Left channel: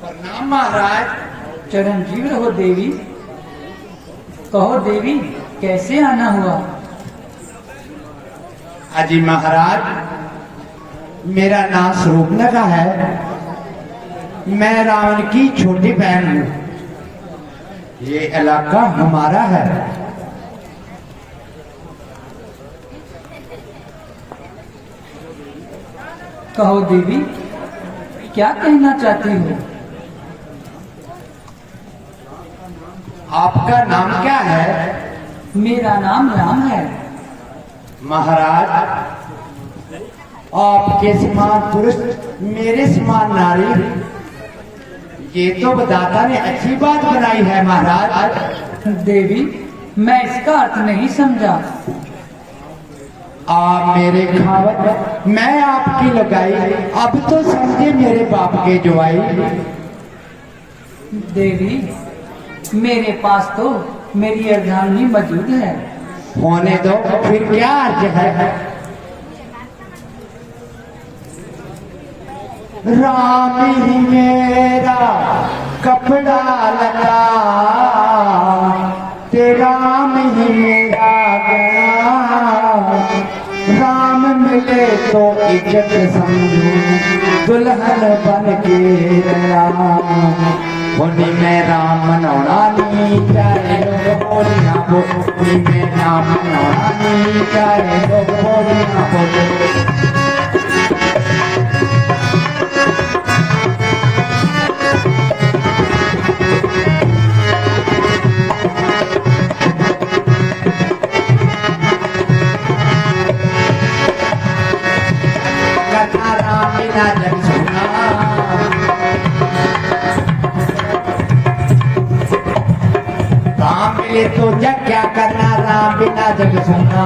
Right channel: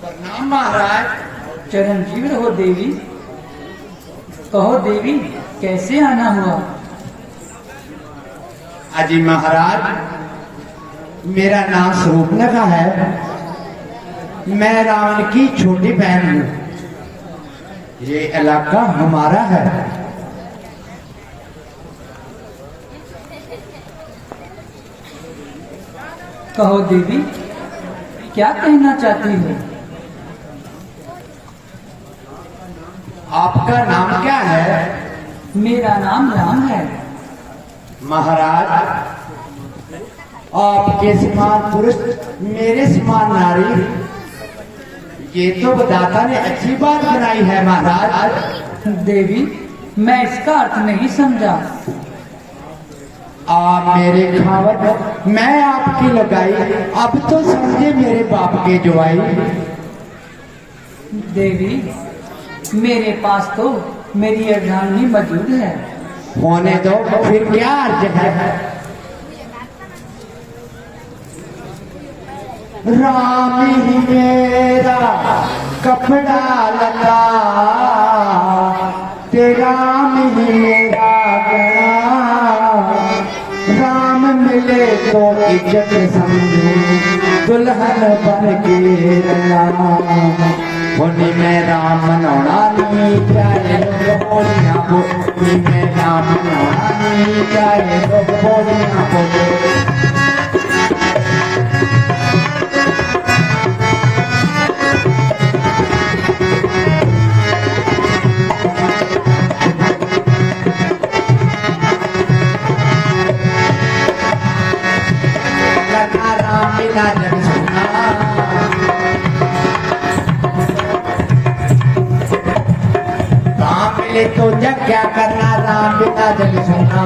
प्रणाम महाराज। चिरंजीव रहो देवी। कहो देवी, कैसे आना हुआ? अजी महाराज, मेरा नाम स्वरूपनखा है। मैं रावण की छोटी बहन हूँ। ये इलाका हमारा है। कहो देवी, क्या कहना चाहती हो? आपका नाम क्या है? मेरा नाम राम है। महाराज, आपके समान पुरुष, मेरे समान नारी, ये तो विधाता ने अच्छी बात बनाई है महाराज। देवी, मैं इसका अर्थ नहीं समझा। आप मेरे खावत, मैं आपकी लगाई, अब तो समझे मेरे बाप के जुआई। देवी, मेरे पास तो मेरी अर्धांगिनी मौजूद है। होने दो, फिर क्या अर्ज है? राम ही मेरा कपड़ा लगा, तेरा राम ही मेरा गला। राम मिले तो इज्जत समझू, दुल्हन बन के रहा। होली में राम नौरानी, चाहे लोग बोलियां बोली में राम नौरानी, चाहे लोग बोलियां बोले। तो जग क्या करना, राम बिना जग सुनना।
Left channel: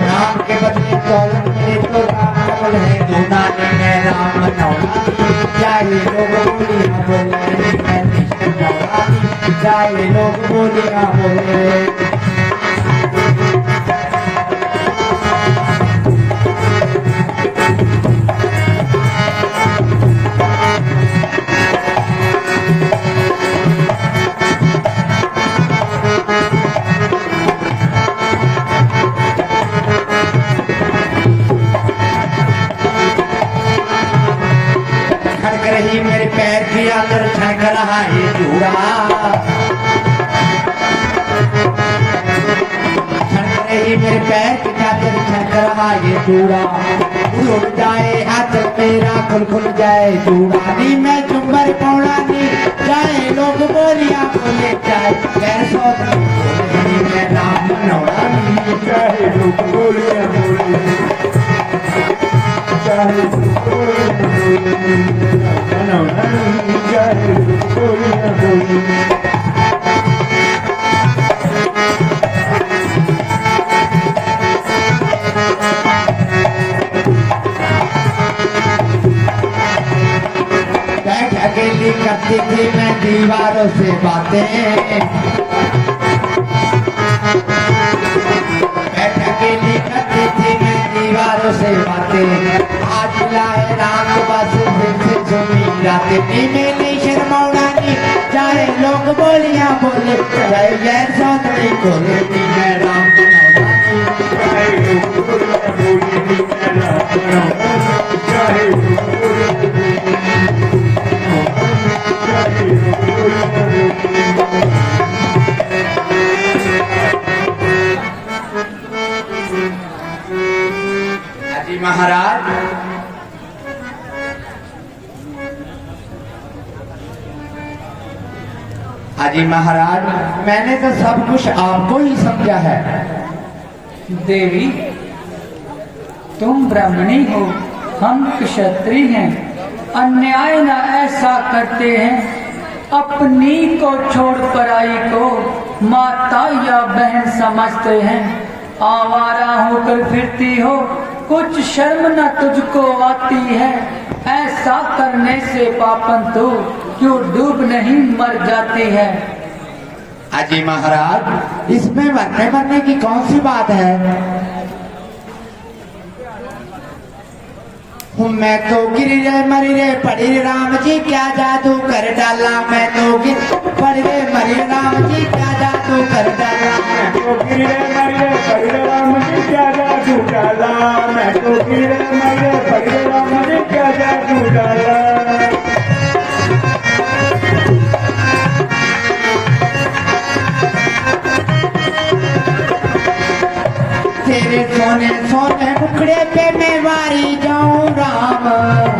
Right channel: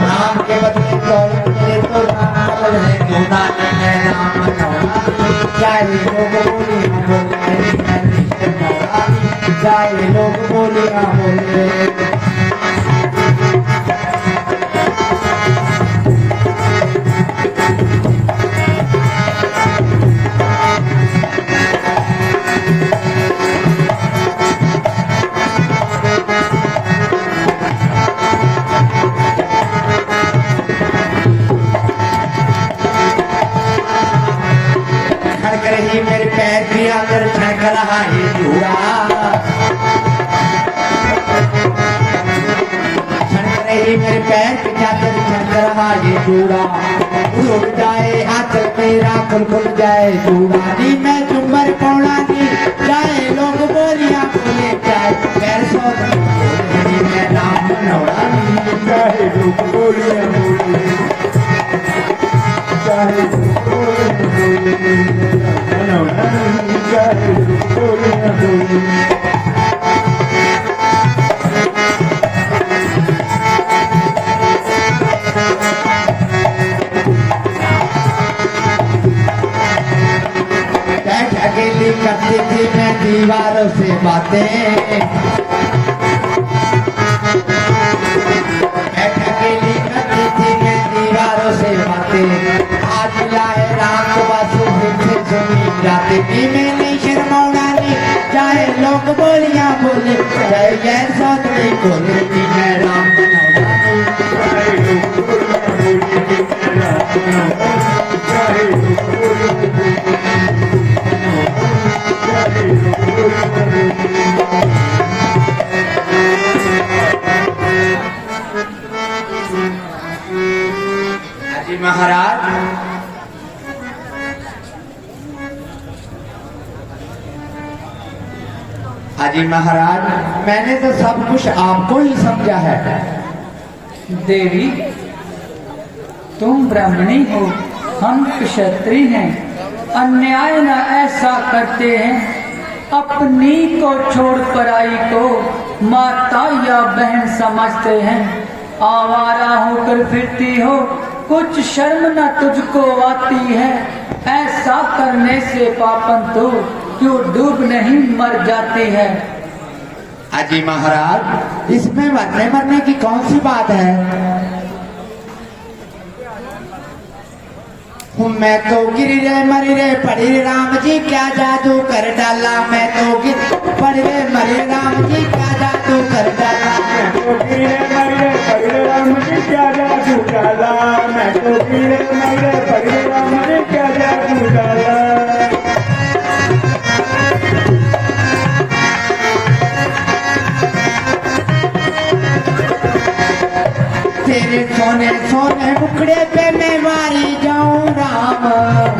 राम के बदले दौलत मिले तो राम समझ है गुना। मैं राम नौरानी, चाहे लोग बोली हम बोले। मैं नौरानी, चाहे लोग बोली हम बोले। मेरे पैर के अंदर फेंक रहा है जूड़ा, मेरे पैर के अंदर फेंक रहा है जूड़ा। उड़ जाए हाथ मेरा, खुल खुल जाए जूड़ा। नी मैं चुम्बर पौड़ा नी, जाए लोग बोलियां बोले, चाहे पैसों मैं राम नौरानी, चाहे लोग बोलियां बोले। चाहे अकेली करती थी मैं दीवारों से बातें, अकेली करती थी मैं दीवारों से बातें। आज लाए राम बस फिर से सुनी जाते। मैंने शर्माउनी, चाहे लोग बोलियां बोले, चाहे ऐसा नहीं बोले। मैं राम नौरानी, चाहे लोग बोलियां बोले। चाहे लोग अजी महाराज, अजी महाराज, मैंने तो सब कुछ आपको ही समझा है। देवी, तुम ब्राह्मणी हो, हम क्षत्रिय हैं। अन्याय न ऐसा करते हैं, अपनी को छोड़कर आई को माता या बहन समझते हैं। आवारा होकर फिरती हो, कुछ शर्म न तुझको आती है। ऐसा करने से पापन तो क्यों डूब नहीं मर जाती है। अजी महाराज, इसमें मरने मरने की कौन सी बात है? मैं तो गिरी रे मरी रे पड़ी रे राम जी क्या जादू कर डाला। मैं तो गिर पड़ी रे मरी राम जी क्या जादू कर डाला। मैं तो गिरे मरे पगले राम जी क्या जादू डाला। मैं तो गिरे मरे पगले राम जी क्या जादू डाला। तेरे सोने सोने मुखड़े पे मैं मारी जाऊं राम।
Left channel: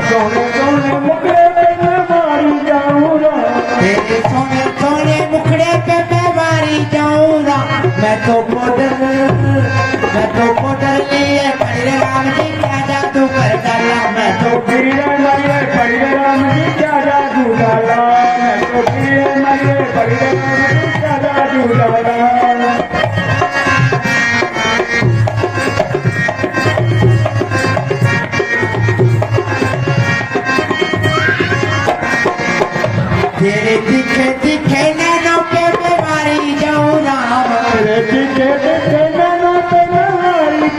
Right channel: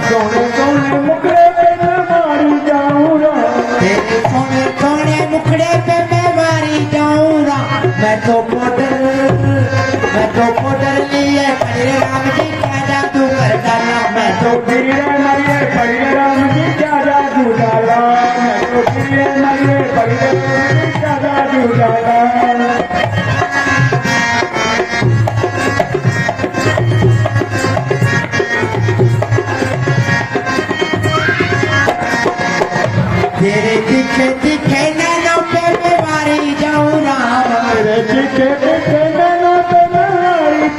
सोने सोने मुखड़े पे मैं मारी जाऊं राम। तेरे सोने सोने मुखड़े पे मैं मारी जाऊं राम। मैं तो पोडर लिए खड़े राम जी क्या जादू कर डाला। मैं तो गिरे मरे पगले राम जी क्या जादू डाला। मैं तो गिरे मरे पगले राम जी क्या जादू डाला। तेरे दिखे दिखे नैनों पे मैं मारी जाऊं राम। तेरे दिखे दिखे नैनों पे मैं मारी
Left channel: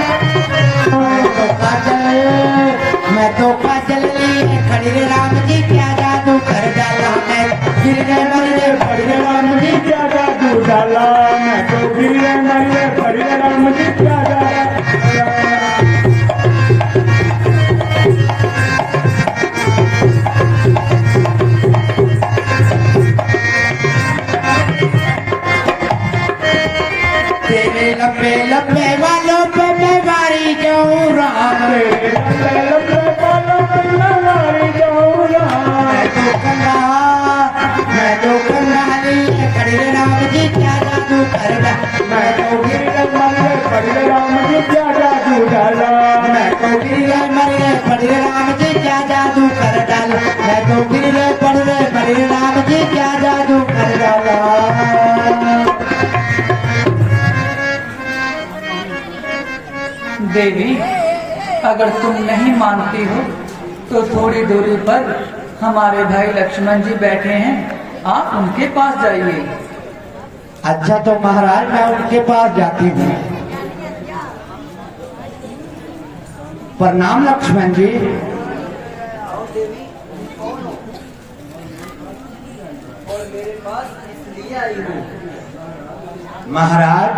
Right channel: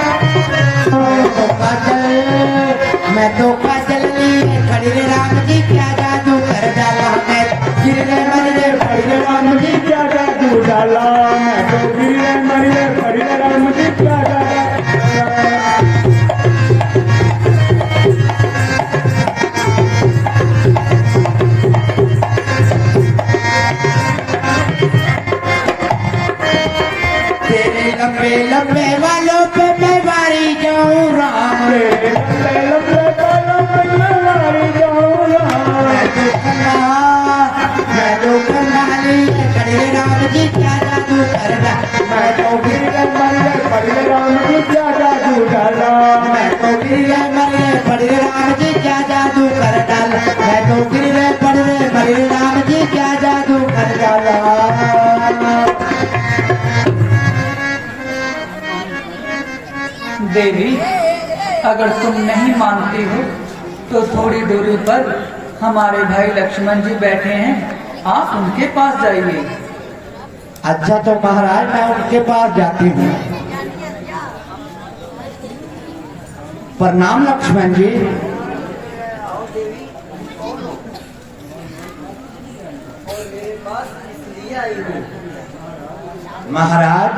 मैं तो काजल लिए खड़ी रे राम जी क्या जादू कर डाला। मैं गिरने मरने पगले राम जी क्या जादू डाला। मैं तो गिरे मरे पगले राम जी क्या जादू। तेरे लंबे लंबे वालों पे मैं मारी जाऊं राम। तेरे लंबे लंबे बालों पे मैं मारी जाऊं राम। मैं तो कंगाली खड़ी रे राम जी क्या जादू कर डाला। मैं तो गिरे मरे पगले राम जी क्या जादू डाला। मैं तो गिरे मरे पड़े राम जी क्या जादू कर डाला। मैं तो गिरे पड़े मरे राम जी क्या जादू कर डाला। देवी, अगर तुम नहीं मानती हो तो थोड़ी दूरी पर हमारे भाई लक्ष्मण जी बैठे हैं, आप उनके पास जाइए। अच्छा तो महाराज मैं उनके पास जाती हूँ। प्रणाम लक्ष्मण जी। महाराज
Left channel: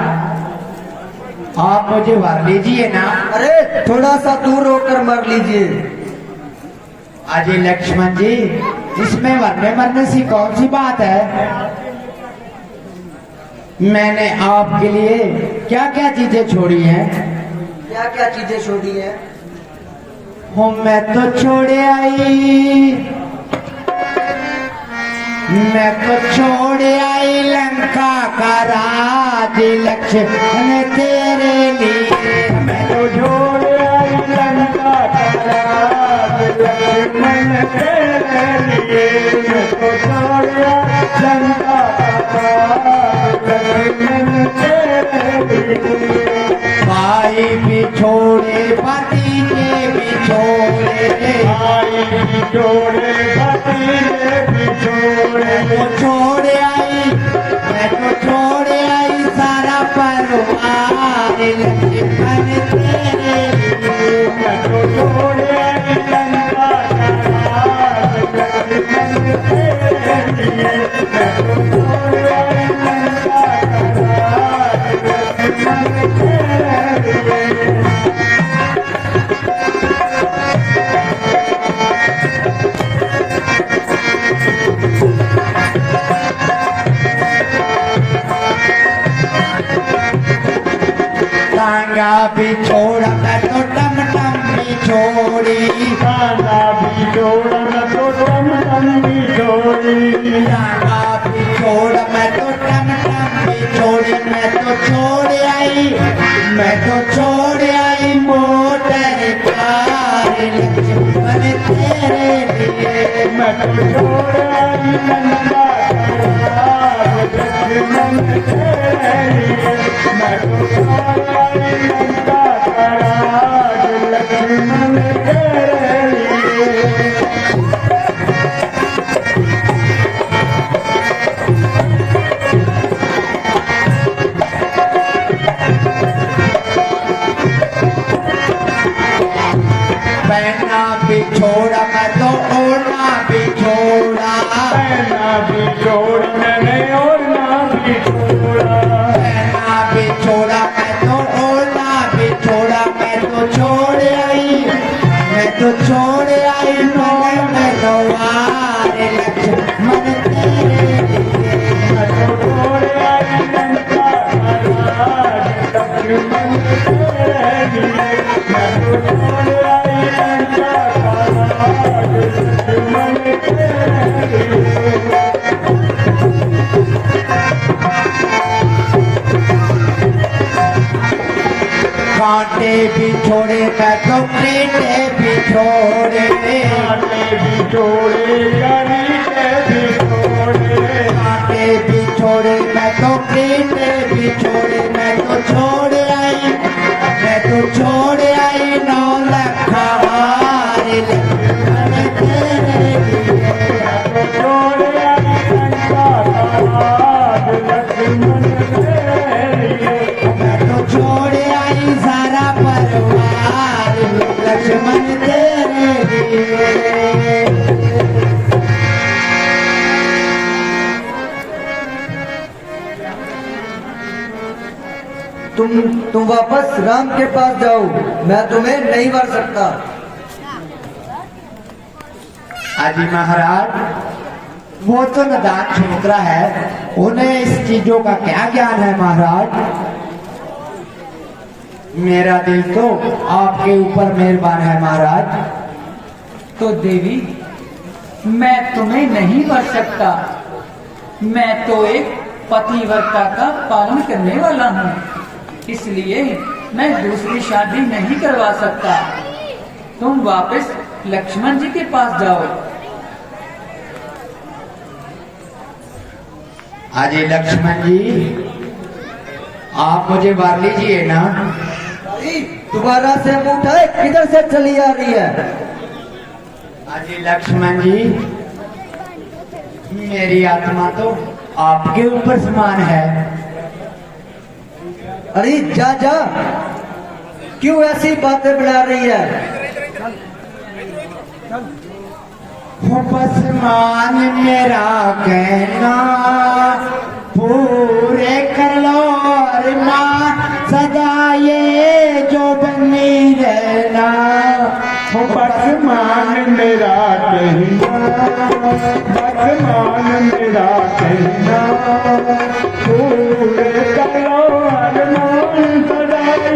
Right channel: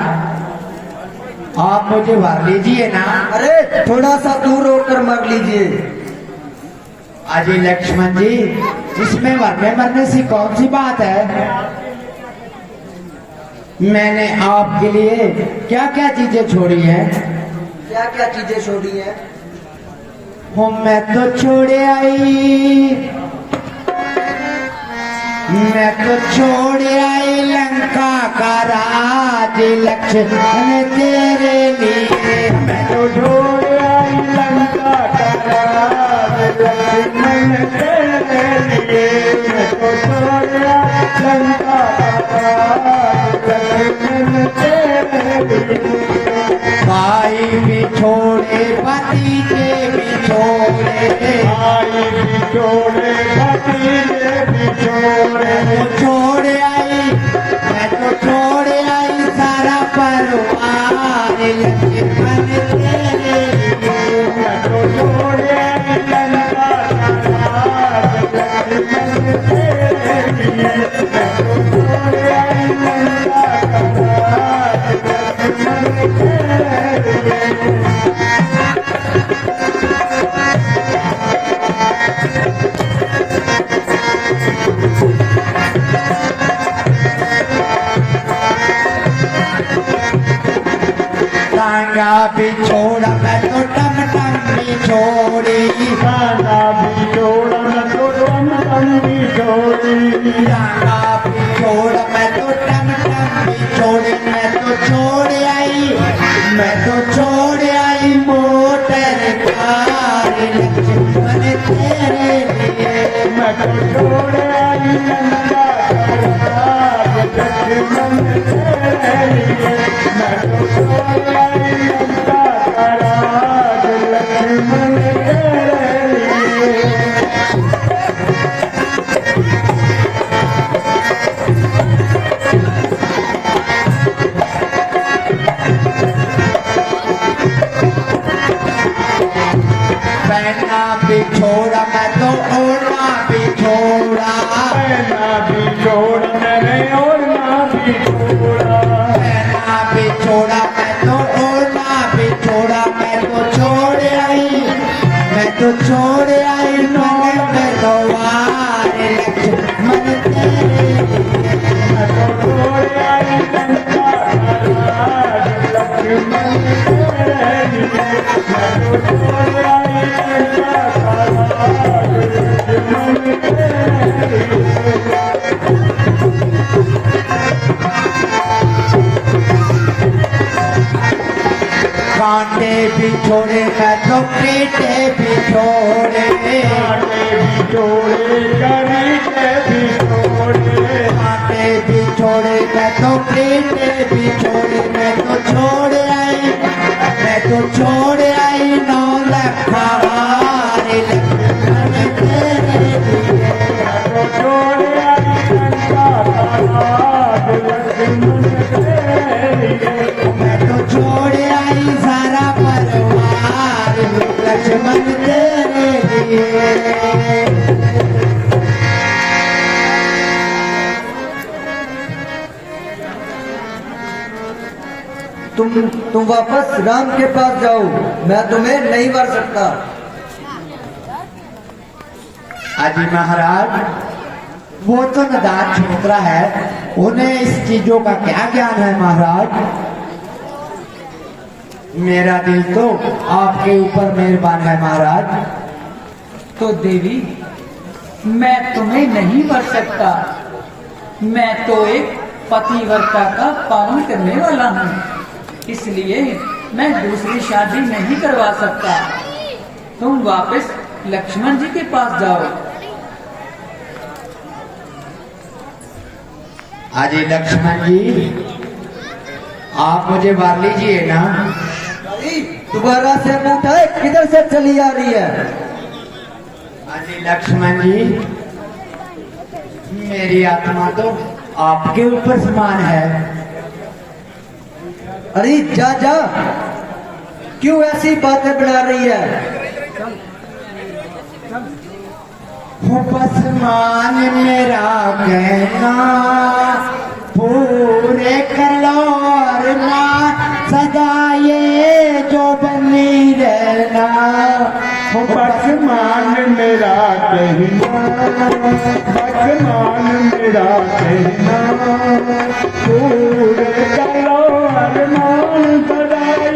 आप मुझे वर लीजिए ना। अरे थोड़ा सा दूर होकर मांग लीजिए। अजय लक्ष्मण जी, इसमें मरने मरने से कौन सी बात है? मैंने आपके लिए क्या क्या चीजें छोड़ी हैं? क्या क्या चीजें छोड़ी है? मैं तो छोड़ आई, मैं तो छोड़ आई लंका का राज लक्ष्मण तेरे लिए। मैं तो छोड़ आई लंका का राज लक्ष्मण तेरे लिए। मैं तो छोड़ आई लंका का राज लक्ष्मण तेरे लिए। भाई भी छोड़े भतीजे भी छोड़े, आई बिछोड़े भतीजे बिछोड़े। मैं तो छोड़ आई, मैं तो छोड़ आई सारा परिवार लक्ष्मण तेरे लिए। मैं तो छोड़ आई लंका का राज लक्ष्मण तेरे लिए। मैं तो छोड़ आई लंका का राज लक्ष्मण तेरे लिए। टांगा भी छोड़ा मैं तो टम टम भी छोड़ी। खाना भी छोड़ा मैं तो टम टम भी छोड़ी। टांगा भी छोड़ा मैं तो टम टम भी छोड़ी। मैं तो छोड़ आई, मैं तो छोड़ आई मोटर कार लक्ष्मण तेरे लिए। मैं तो छोड़ आई लंका का राज लक्ष्मण तेरे लिए। मैं तो छोड़ आई लंका का राज लक्ष्मण तेरे लिए। प्रीते बिछोड़े बिछोड़े करीते बिछोड़े आते बिछोड़े मैं तो प्रीते बिछोड़े मैं तो छोड़ आई नौ लखा हार लक्ष्मण तेरे लिए मैं तो छोड़ आई सारा परिवार लक्ष्मण तेरे लिए तुम वापस राम के पास जाओ, मैं तुम्हें नहीं मार सकता। आदि महाराज वो तो नदान छोकरा है, उन्हें इस चीजों का क्या ज्ञान है महाराज। मेरा दिल तो आपके ऊपर मेहरबान है महाराज। तो देवी मैं तुम्हें नहीं मार सकता, मैं तो एक पतिव्रता का पालन करने वाला हूँ, इसलिए मैं दूसरी शादी नहीं करवा सकता। तुम वापस लक्ष्मण जी के पास जाओ। अजय लक्ष्मण जी आप मुझे मार लीजिए ना। दोबारा से न उठाए, किधर से चली आ रही है? अजय लक्ष्मण जी मेरी आत्मा तो आपके ऊपर समान है। अरे जा जा, क्यों ऐसी बातें बढ़ा रही है? बस मान मेरा कहना पूरे कर लो और मां सदा ये जो बनी रहना। बसमान मेरा कहना, बसमान मेरा कहना, पूरे करो अरमान सदाए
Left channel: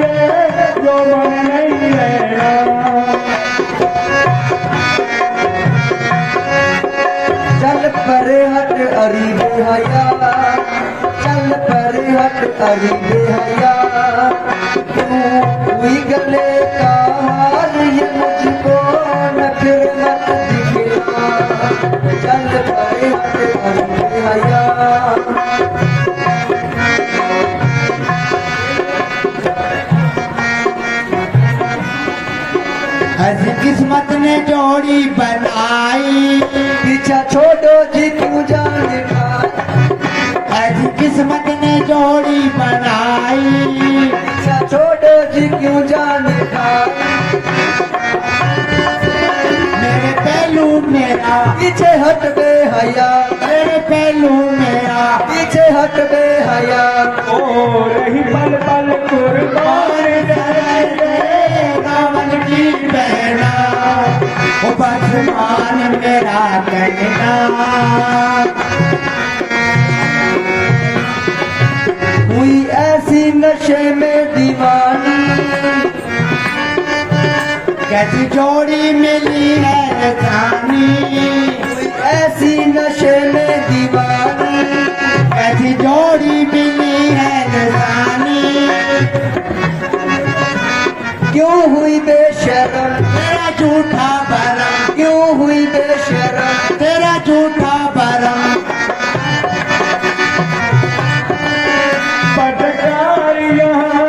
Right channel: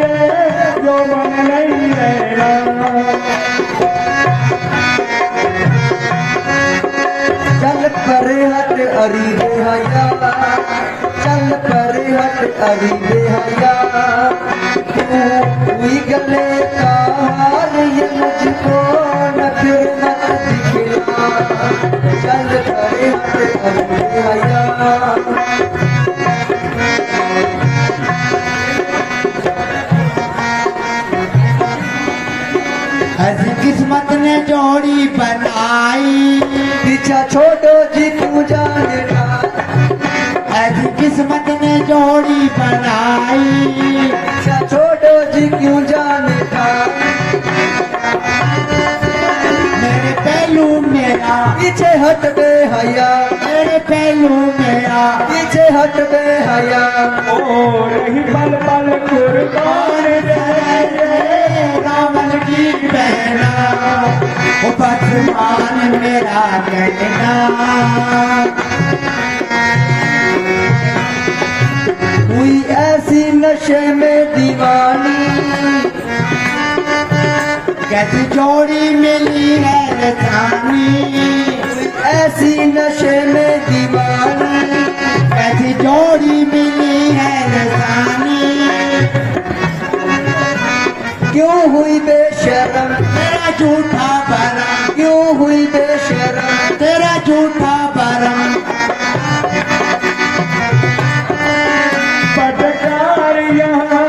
जो मन नहीं रहना। चल करे हट अरी बेहया, चल करे हट अरी बेहया, हुई गले का हाल ये मुझको न फिर मत दिखला। चल करे हट अरी बेहया। ऐसी किस्मत ने जोड़ी बनाई, पीछा छोड़ो जी तू जाने का। ऐसी किस्मत ने जोड़ी बनाई, पीछा छोड़ो जी क्यों जाने का। मेरे पहलू मेरा पीछे हट बे हया, मेरे पहलू मेरा पीछे हट बे हया। ओ रही पल पल कुर्बान रावण की बहना वो भगवान मेरा कहना। हुई ऐसी नशे में दीवानी, कैसी जोड़ी मिली है जानी। ऐसी नशे में दीवानी, कैसी जोड़ी मिली है जानी। क्यों हुई बेशरम, तेरा झूठा भरम, क्यों हुई बेशरम। तेरा झूठा भरम। पटकार यहाँ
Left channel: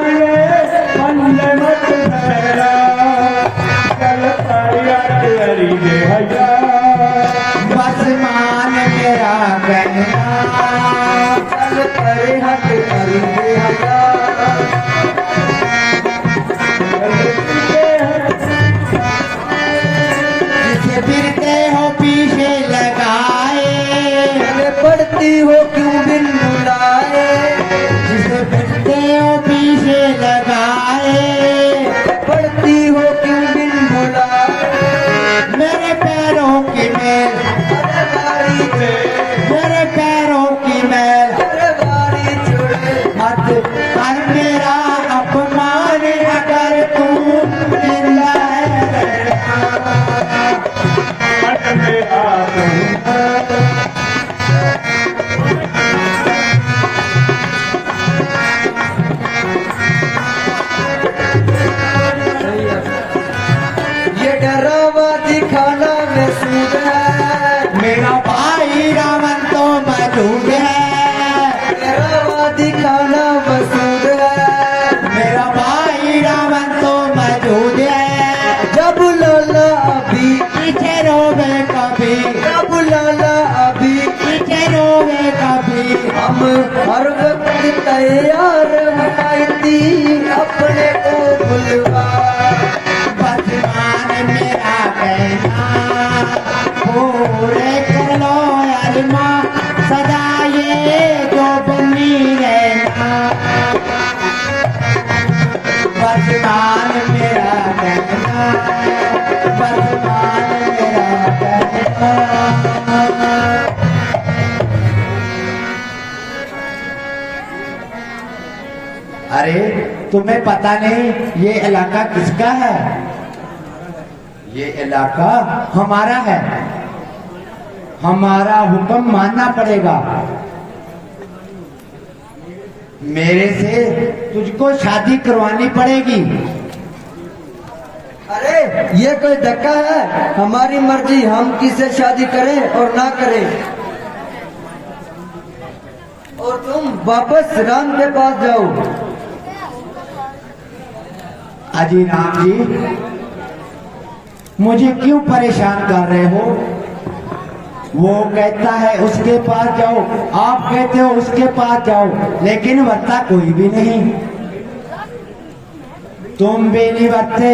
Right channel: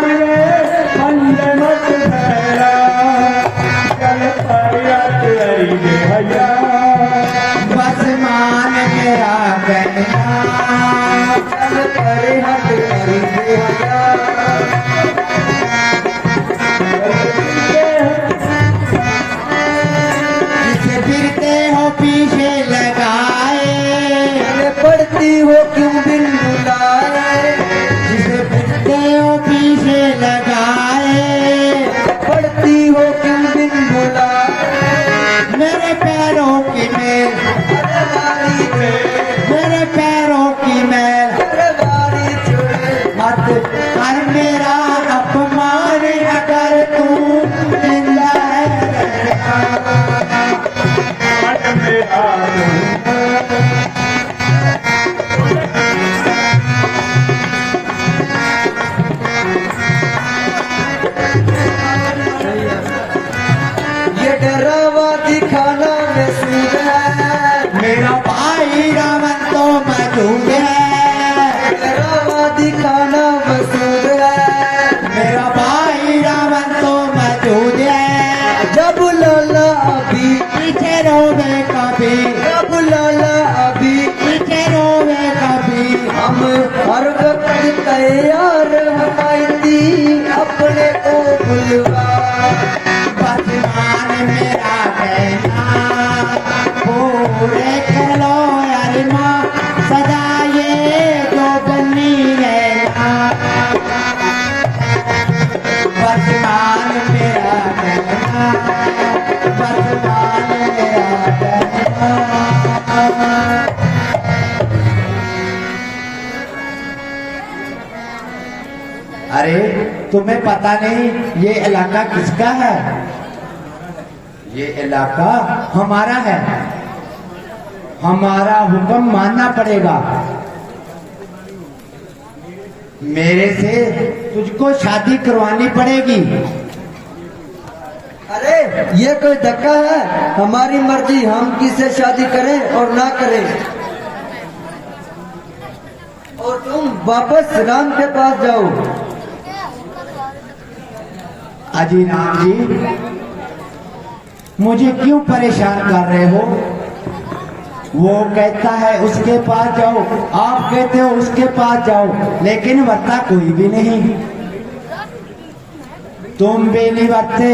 मंद मत भैरा, चल पाया तेरी बेहया। बस मान मेरा कहना, चल करे हट अरी बेहया। जिसे फिरते हो पीछे लगाए, अरे पढ़ती हो क्यों बिन बुलाए। जिसे फिरते हो पीछे लगाए। पढ़ती हो क्यों बिन बुलाए। मेरे पैरों की मैल, मेरे पैरों की मैल सरदारी छोड़े। मत कर मेरा अपमान अगर तू जिंदा है। मन मेरा वर्तमान मेरा कहना, वर्तमान मेरा कहना। अरे तुम्हें पता नहीं ये इलाका किसका है? ये इलाका हमारा है, हमारा हुक्म मानना पड़ेगा। मेरे से तुझको शादी करवानी पड़ेगी। अरे ये कोई धक्का है? हमारी मर्जी, हम किसे शादी करें और ना करें। और तुम वापस राम के पास जाओ। अजी राम जी, मुझे क्यों परेशान कर रहे हो? वो कहता है उसके पास जाओ, आप कहते हो उसके पास जाओ, लेकिन वर्ता कोई भी नहीं। तुम भी नहीं वर्ते,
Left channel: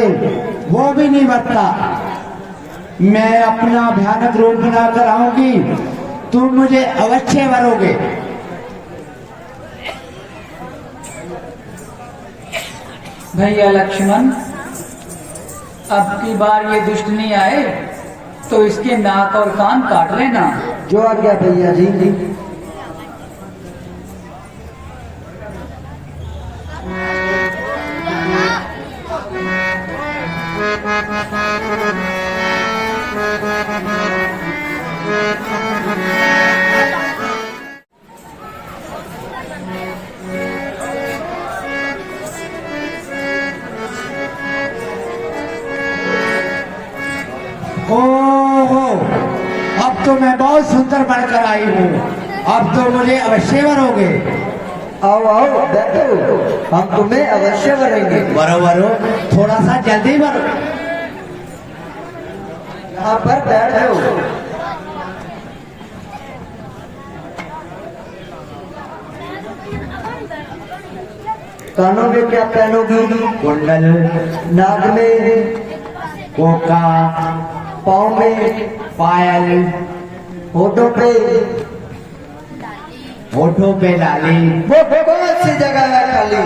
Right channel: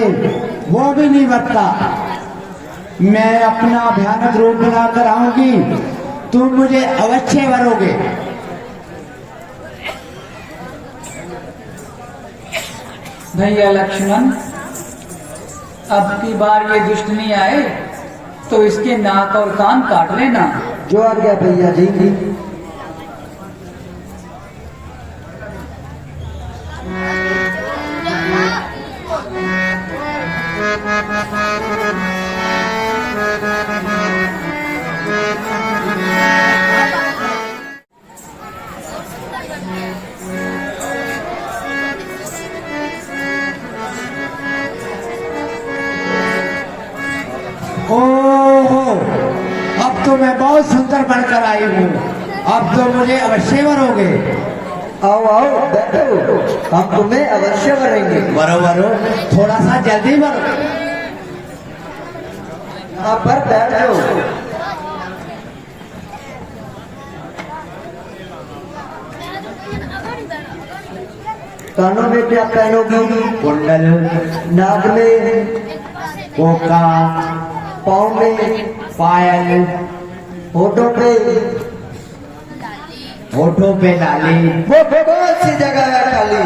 वो भी नहीं वर्ता। मैं अपना भयानक रूप बनाकर आऊंगी, तुम मुझे अवश्य वरोगे। भैया लक्ष्मण, अब की बार ये दुष्ट नहीं आए तो इसके नाक और कान काट लेना। जो आ गया भैया जी। ओहो, अब तो मैं बहुत सुंदर बनकर आई हूँ, अब तो मुझे अवश्य वरोगे। आओ आओ बैठो, हम तुम्हें अवश्य करेंगे। वरो वरो, थोड़ा सा जल्दी वरो। यहाँ पर बैठ जाओ। कानों में क्या पहनोगी? कुंडल, नाक में, कोका, पाँव में, पायल, होठों पे। होठों पे लाली। वो बहुत सी जगह है खाली।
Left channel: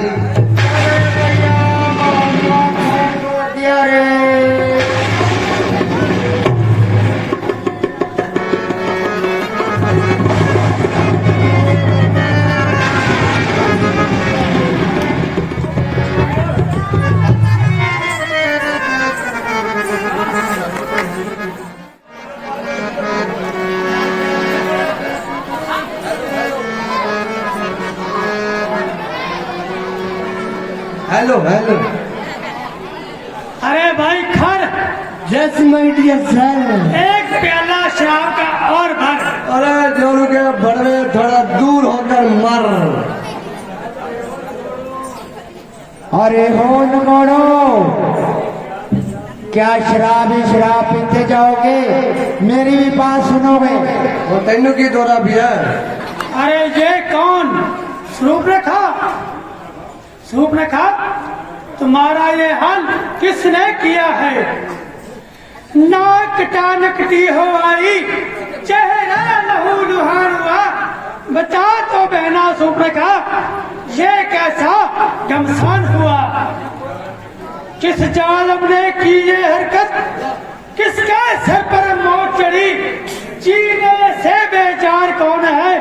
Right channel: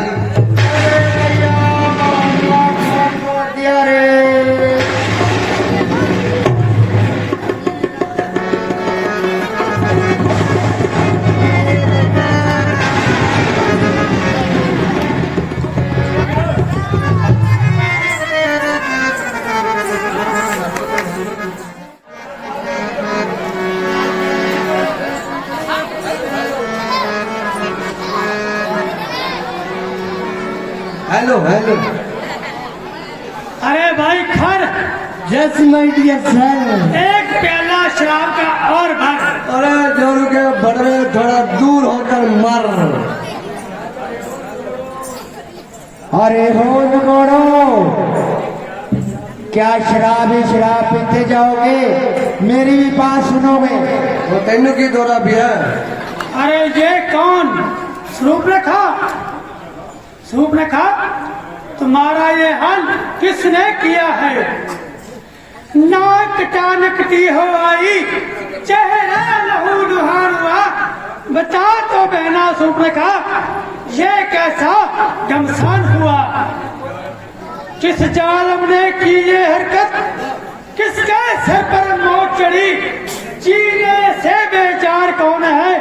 Hello hello. अरे भाई खर, यस माय डियर सर। एक प्याला शराब का और भर। अरे जोर के बड़े थोड़ा दूर होकर मर। अरे होठ मोड़ो, क्या शराब ही शराब पीते जाओगे? मेरी भी बात सुनोगे? वो तेन की दौरा भी है। अरे ये कौन? सूप रखा, सूप रखा। तुम्हारा ये हाल किसने किया है? नाक टानकती हो आई, चेहरा लहू लुहान हुआ। बता तो बहना सूप रखा, ये कैसा घमसान हुआ? किस जालम ने की ये हरकत? किसके सिर पर मौत चढ़ी? जीने से बेचार कौन है?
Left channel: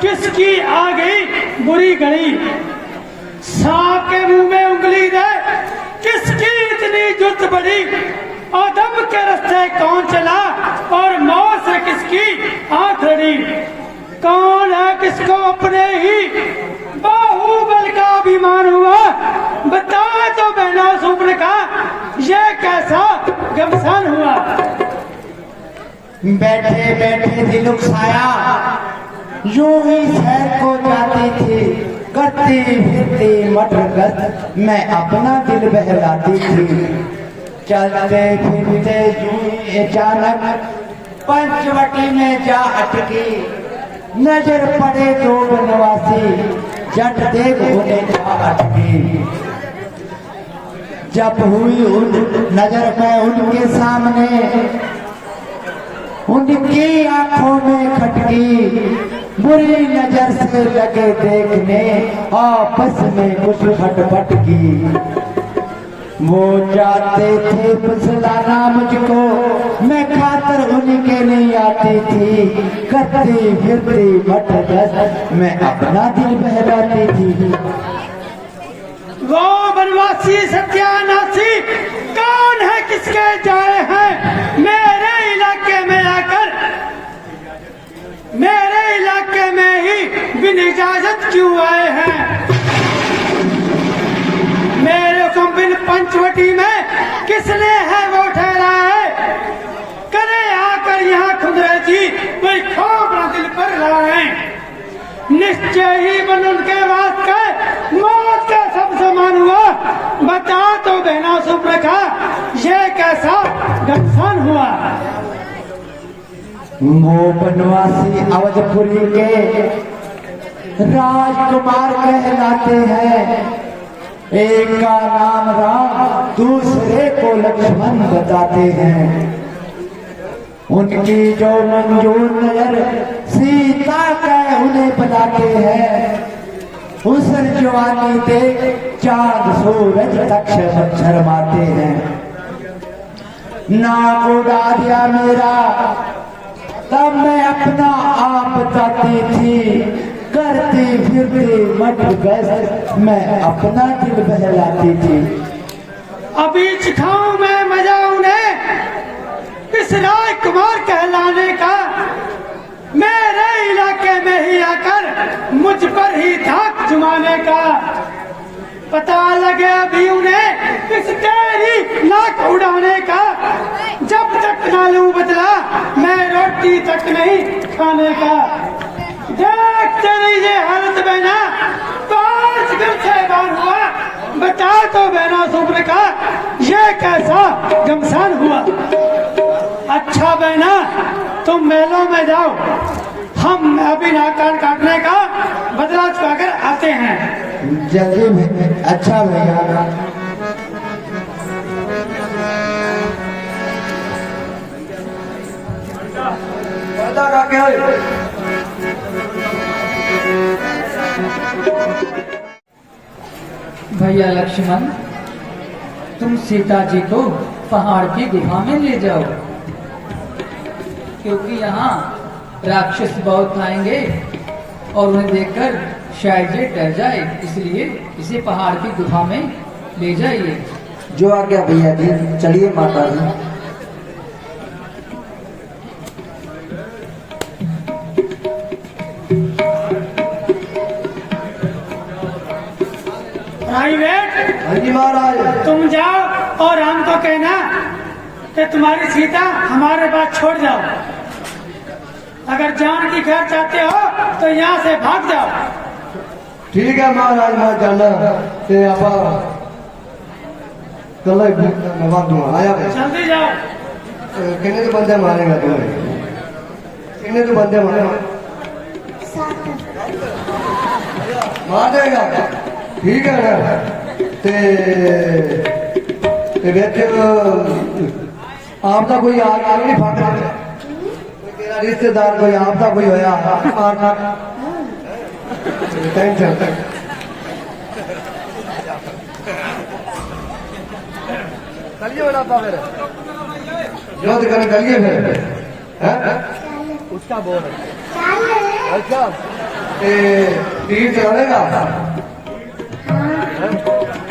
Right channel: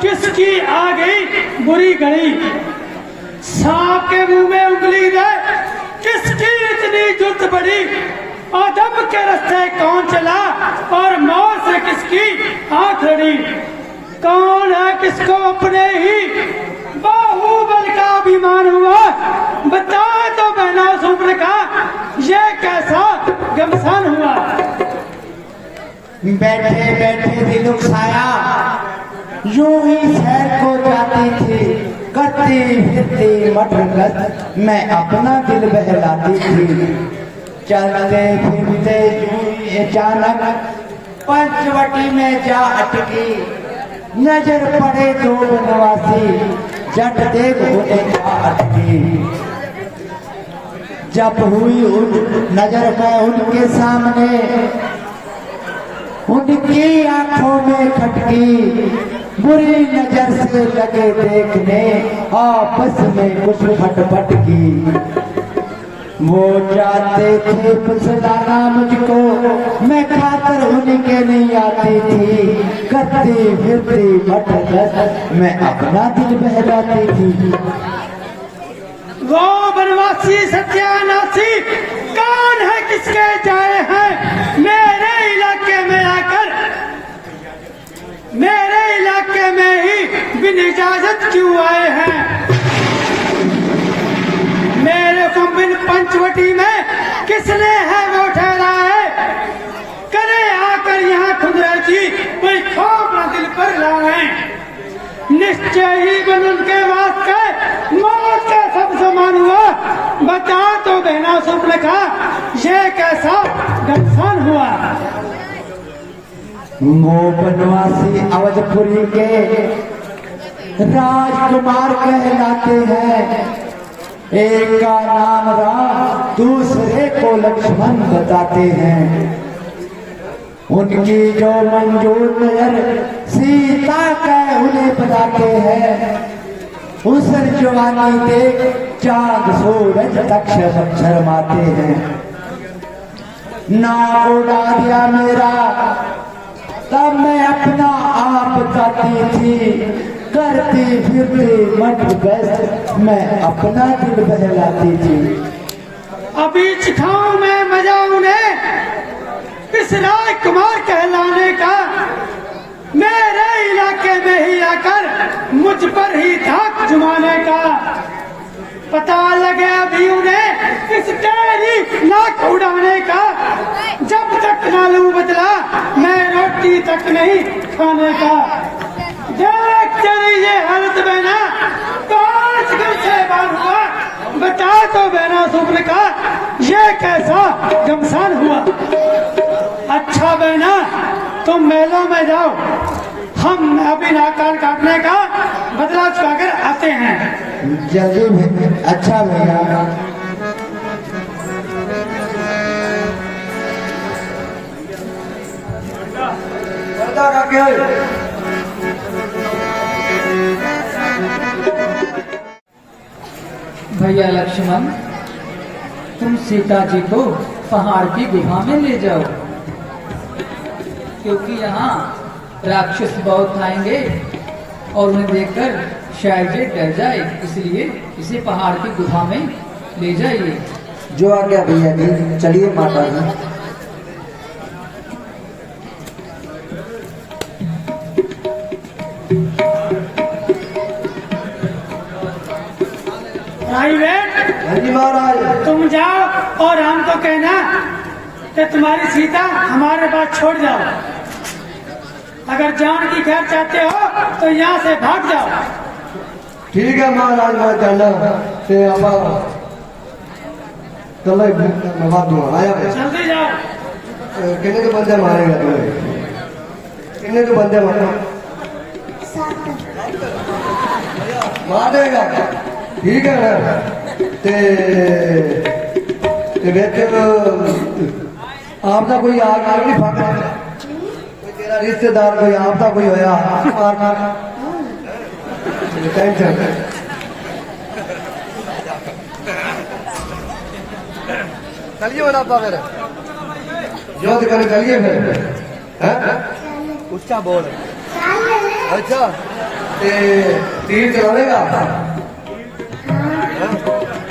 किसकी आ गई बुरी घड़ी? सांप के मुंह में उंगली दे, किसकी इतनी जुल्त बढ़ी? आदम के रास्ते कौन चला और मौत से किसकी आंख लड़ी? कौन है किसको अपने ही बाहुबल का अभिमान हुआ? बता तो बहना सुपने का, ये कैसा घमसान हुआ? बैठे बैठे दिल उकसाया, यूं ही शहर को जाती थी, करती फिरती मटरगत, मैं अपना दिल बहलाती थी। चलते फिरते यूं ही अचानक पंचवटी में जा अटकी, नजर पड़े दो बनवासी, जट देख उन्हें जा अटकी। जब हुई नजर में उनके सामने, उनकी आंखों में खटकी, बुरी नजर से लगे देखने आपस में कुछ खटपट की। वो चाहते थे फुसलाना मुझको, मैं खातर उनके नहीं आती थी। करती फिरती मटगस मैं अपना दिल बहलाती थी। वो बनवासी सत्यानाशी कौन है, किसके जाए हैं मेरे इलाके में आकर, मेरे इलाके में ही बिन इजाजत क्यों आए हैं। मेरे को बिन पंचवटी में किसने है वो ठहराए, करे आकर यहाँ खुदरती कोई खोपड़ा दिल पर लाए। निश्चय ही बन उनके वास्ते मौत का सब समान हुआ। बता तो बहना सुप्रखा ये कैसा घमसान हुआ। वो बनवासी अवधपुरी के राजकुमार कहलाते हैं। एक का नाम राम दूसरे को लक्ष्मण बताते हैं। उनकी जो मंजूर नजर सीता का उन्हें बताते हैं। उस जवानी देख चांद सूरज तक शर्माते हैं। नाक उड़ा दिया मेरा तब मैं अपना आप बताती थी। करती फिरती मत बस मैं अपना दिल बहलाती थी। अभी चिखाऊं मैं मजा उन्हें इस राजकुमार कहलाने का। मेरे इलाके में ही आकर मुझ पर ही धाक जुमाने का। पता लगे भी उन्हें इस तेरी नाक उड़ाने का। जब तक मालूम बदला मैं रोटी तक नहीं खाने का। देख तेरी ये हालत बहना 5 दिन से बार हुआ। बता तो बहना सुप्रखा ये कैसा घमसान हुआ। अच्छा बहना तुम मेलों में जाओ, हम अभी नाकान काटने का बदला चुकाकर आते हैं। जल्दी में अच्छा भैया। भैया लक्ष्मण, तुम सीता जी को पहाड़ की गुफा में ले जाओ, क्योंकि यहाँ राक्षस बहुत आएंगे और उन्हें देखकर शायद ये डर जाए, इसलिए इसे पहाड़ की गुफा में ले जाइए। जो आ गया भैया जी, चलिए माता जी। महाराज तुम जाओ और हमको कहना कि तुम्हारी सीता हमारे पास छोड़ जाओ। अगर जान की खैर चाहते हो तो यहाँ से भाग जाओ। ठीक है महाराज, मैं चलो मैं बात दूंगा। आया जल्दी जाओ। कितने के बंदे मारेगा तुम्हें? कितने के बंदे मारेगा? मार देगा। ठीक है ना? आपका कोई आगे नहीं फाका, कोई तेरा रिश्तेदार कोई आपका कोई होया टेंशन कलिए बनाता फिर जो तो करें करिए फिर उसका बोल अच्छा तीर चलेगा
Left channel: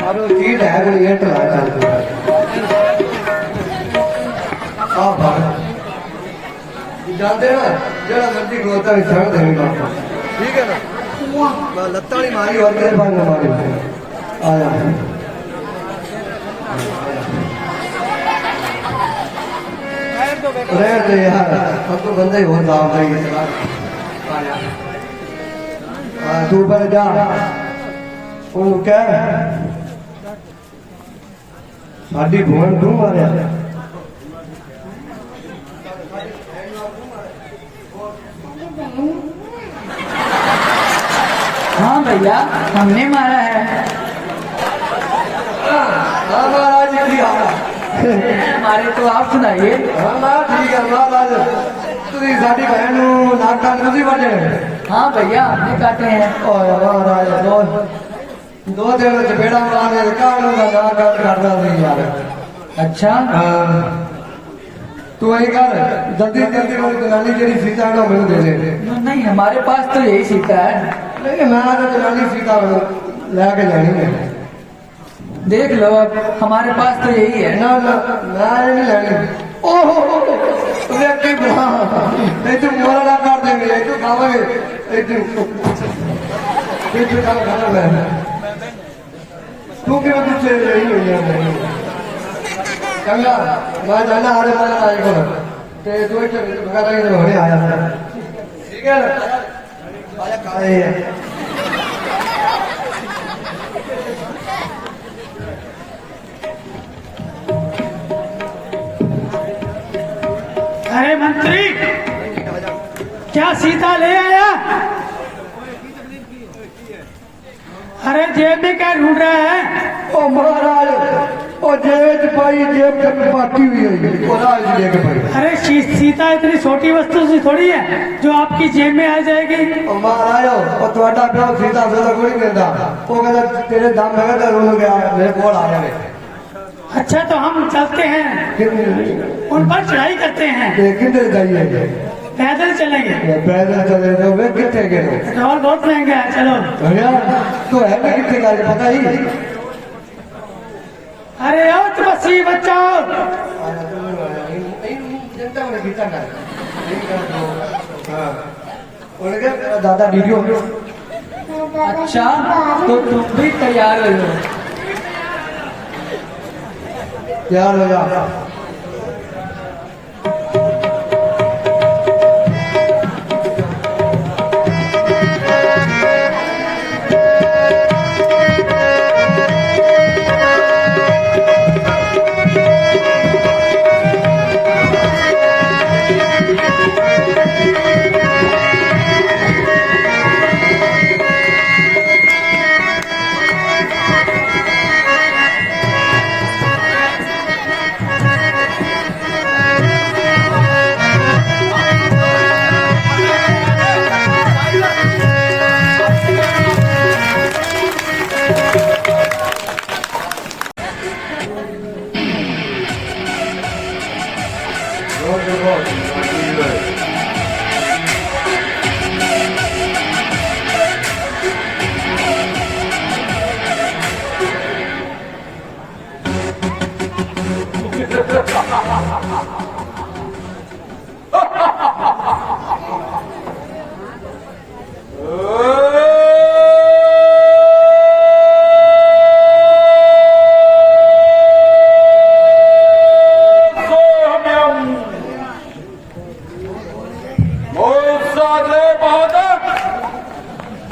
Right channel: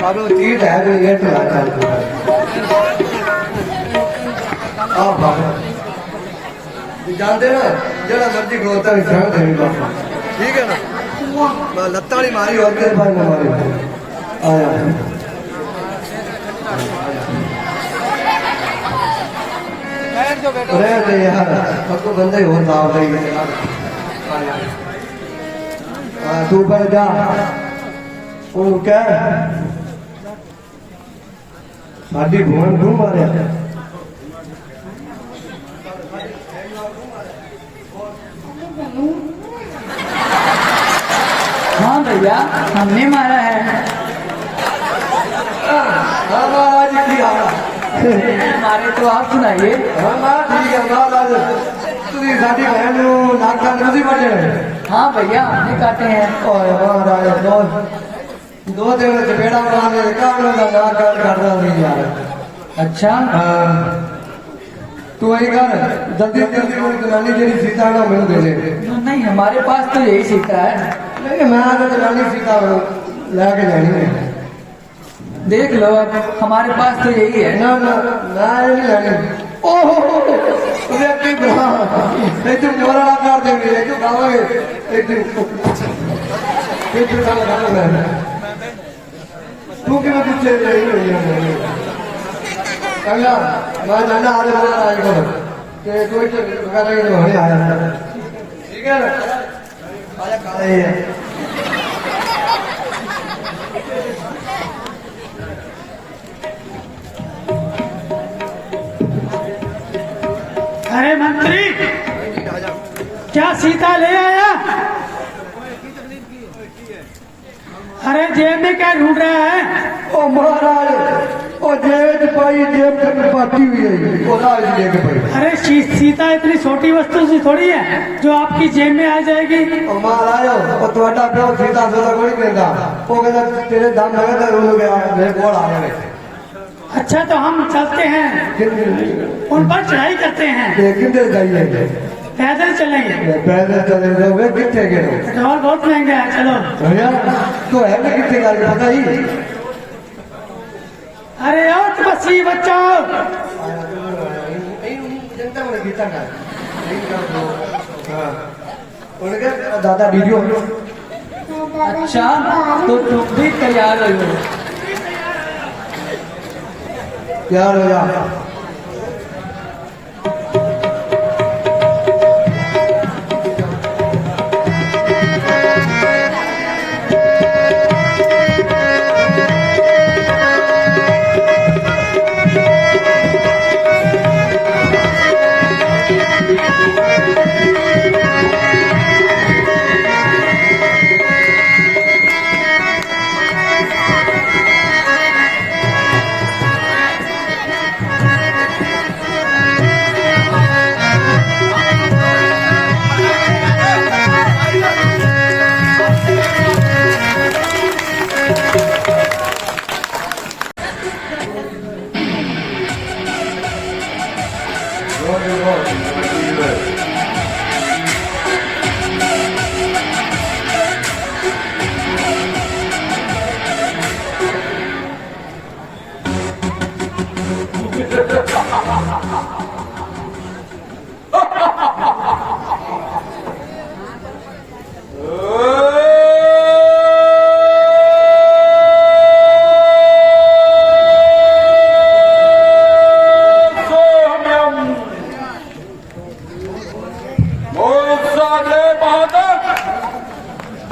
और वो तीर है तो ये आप जानते हैं जरा मर्जी को होता है ठीक है ना लत्ताड़ी मारी और के पास हमारे रहे यार सबको बंदे हो दाव तू पर जा वो क्या साड़ी भवन क्यों मारे हाँ भैया, हमने मारा है। आज की मारे तो आप सुनाइए। ठीक है तुझी साड़ी बहन नाका नहीं बचे हाँ भैया हमने काटे हैं। और महाराज दो दिन चपेड़ा मारे काम का मार कर रहा नहीं यार। अच्छा तू वही कर जल्दी जल्दी वो जनानी की सीता का मेरे दे दे। नहीं हमारे पास तो यही सीता है। नहीं हमारा तो जनानी सीता लाके जानी है। देख लो अब हमारे पास तो यही है। ना ना ना ये नहीं लानी। ओहो व्यक्ति बना नहीं तू मोरा ना कर देंगे तू खाओगे एक दिन खाना तू क्यों तुझसे यही हुई है कमिया मैं जाना आज मैं आएगा कि तू वगैरह के होने आया था ठीक है आया खाए अरे मंत्री क्या सीता ले आया? अरे जेब में क्या ढूंढ रहा है? ओ महाराज ओ जेब पाई जेब पर बाकी हुई है ओ राज देख पड़ी अरे सीता इतनी छोटी वस्तु सी थोड़ी है जो आपकी जेब में आ जाएगी। ओ महाराज ओ तुम्हारा प्यो सीता दो कोई कहता वो कहता तेरे दाम लगा था रो गया मेरे को आ गए अच्छा तो हम चलते हैं उन पर चढ़ाई करते हैं। किधर जाइए पैदल चलेंगे पैदल चले तो वे कितने गए और बहुत महंगा है। चलो भैया तो है ना कितने का पता ही अरे और बसी बच्चों उनके दादा वीडियो अच्छा तो तुम भी तैयार हो। यार हो यार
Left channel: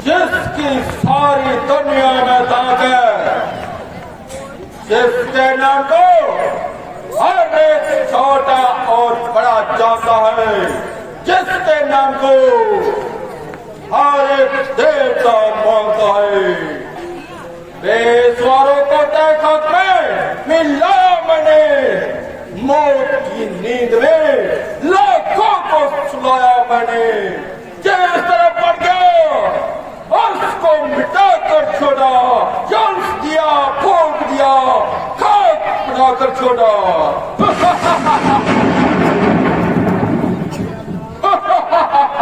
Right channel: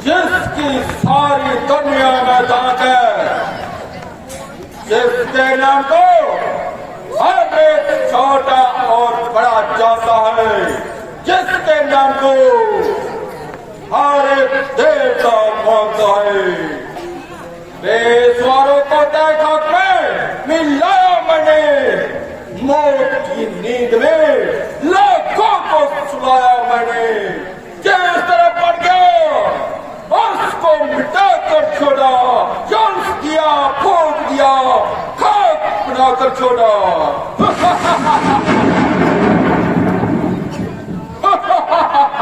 जिसकी सारी दुनिया में ताकत जिसके नाम को हर एक छोटा और बड़ा जानता है, जिसके नाम को हर एक देवता मानता है। बेसवारों को देखा में मिला मैंने, मौत की नींद में लाखों को सुलाया मैंने। जिस तरह बढ़ गया उसको मिटा कर छोड़ा, जल दिया, फोड़ दिया, खाक बनाकर छोड़ा।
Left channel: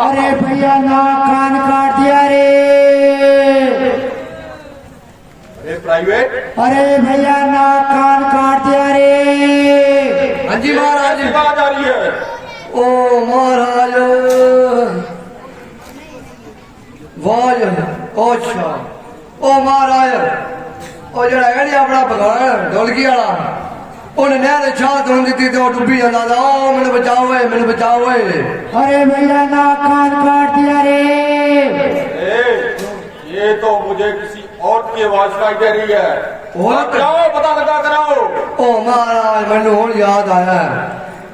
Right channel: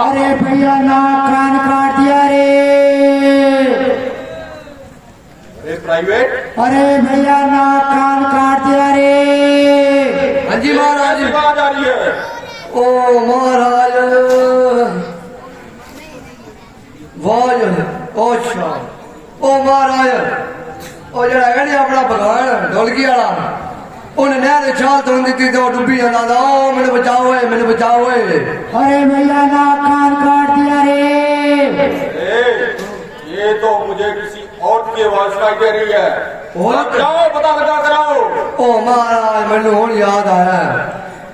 अरे भैया ना कान काट दिया रे। प्राइवेट अरे भैया ना कान काट दिया रे। हाँ जी महाराज बात आ रही है। ओ महाराज वाज ओछा ओ महाराज ओ जरा है नहीं अपना भगवान ढोलकी वाला उन्हें नहर छात होने दी तो डूबी जाता था। मैंने बचाओ है, मैंने बचाओ है। अरे भैया ना कान काट दिया रे। ये तो मुझे किसी और की आवाज सुनाई दे रही है। और जाओ पता लगा कराओ। ओ महाराज मैंने हूं याद आया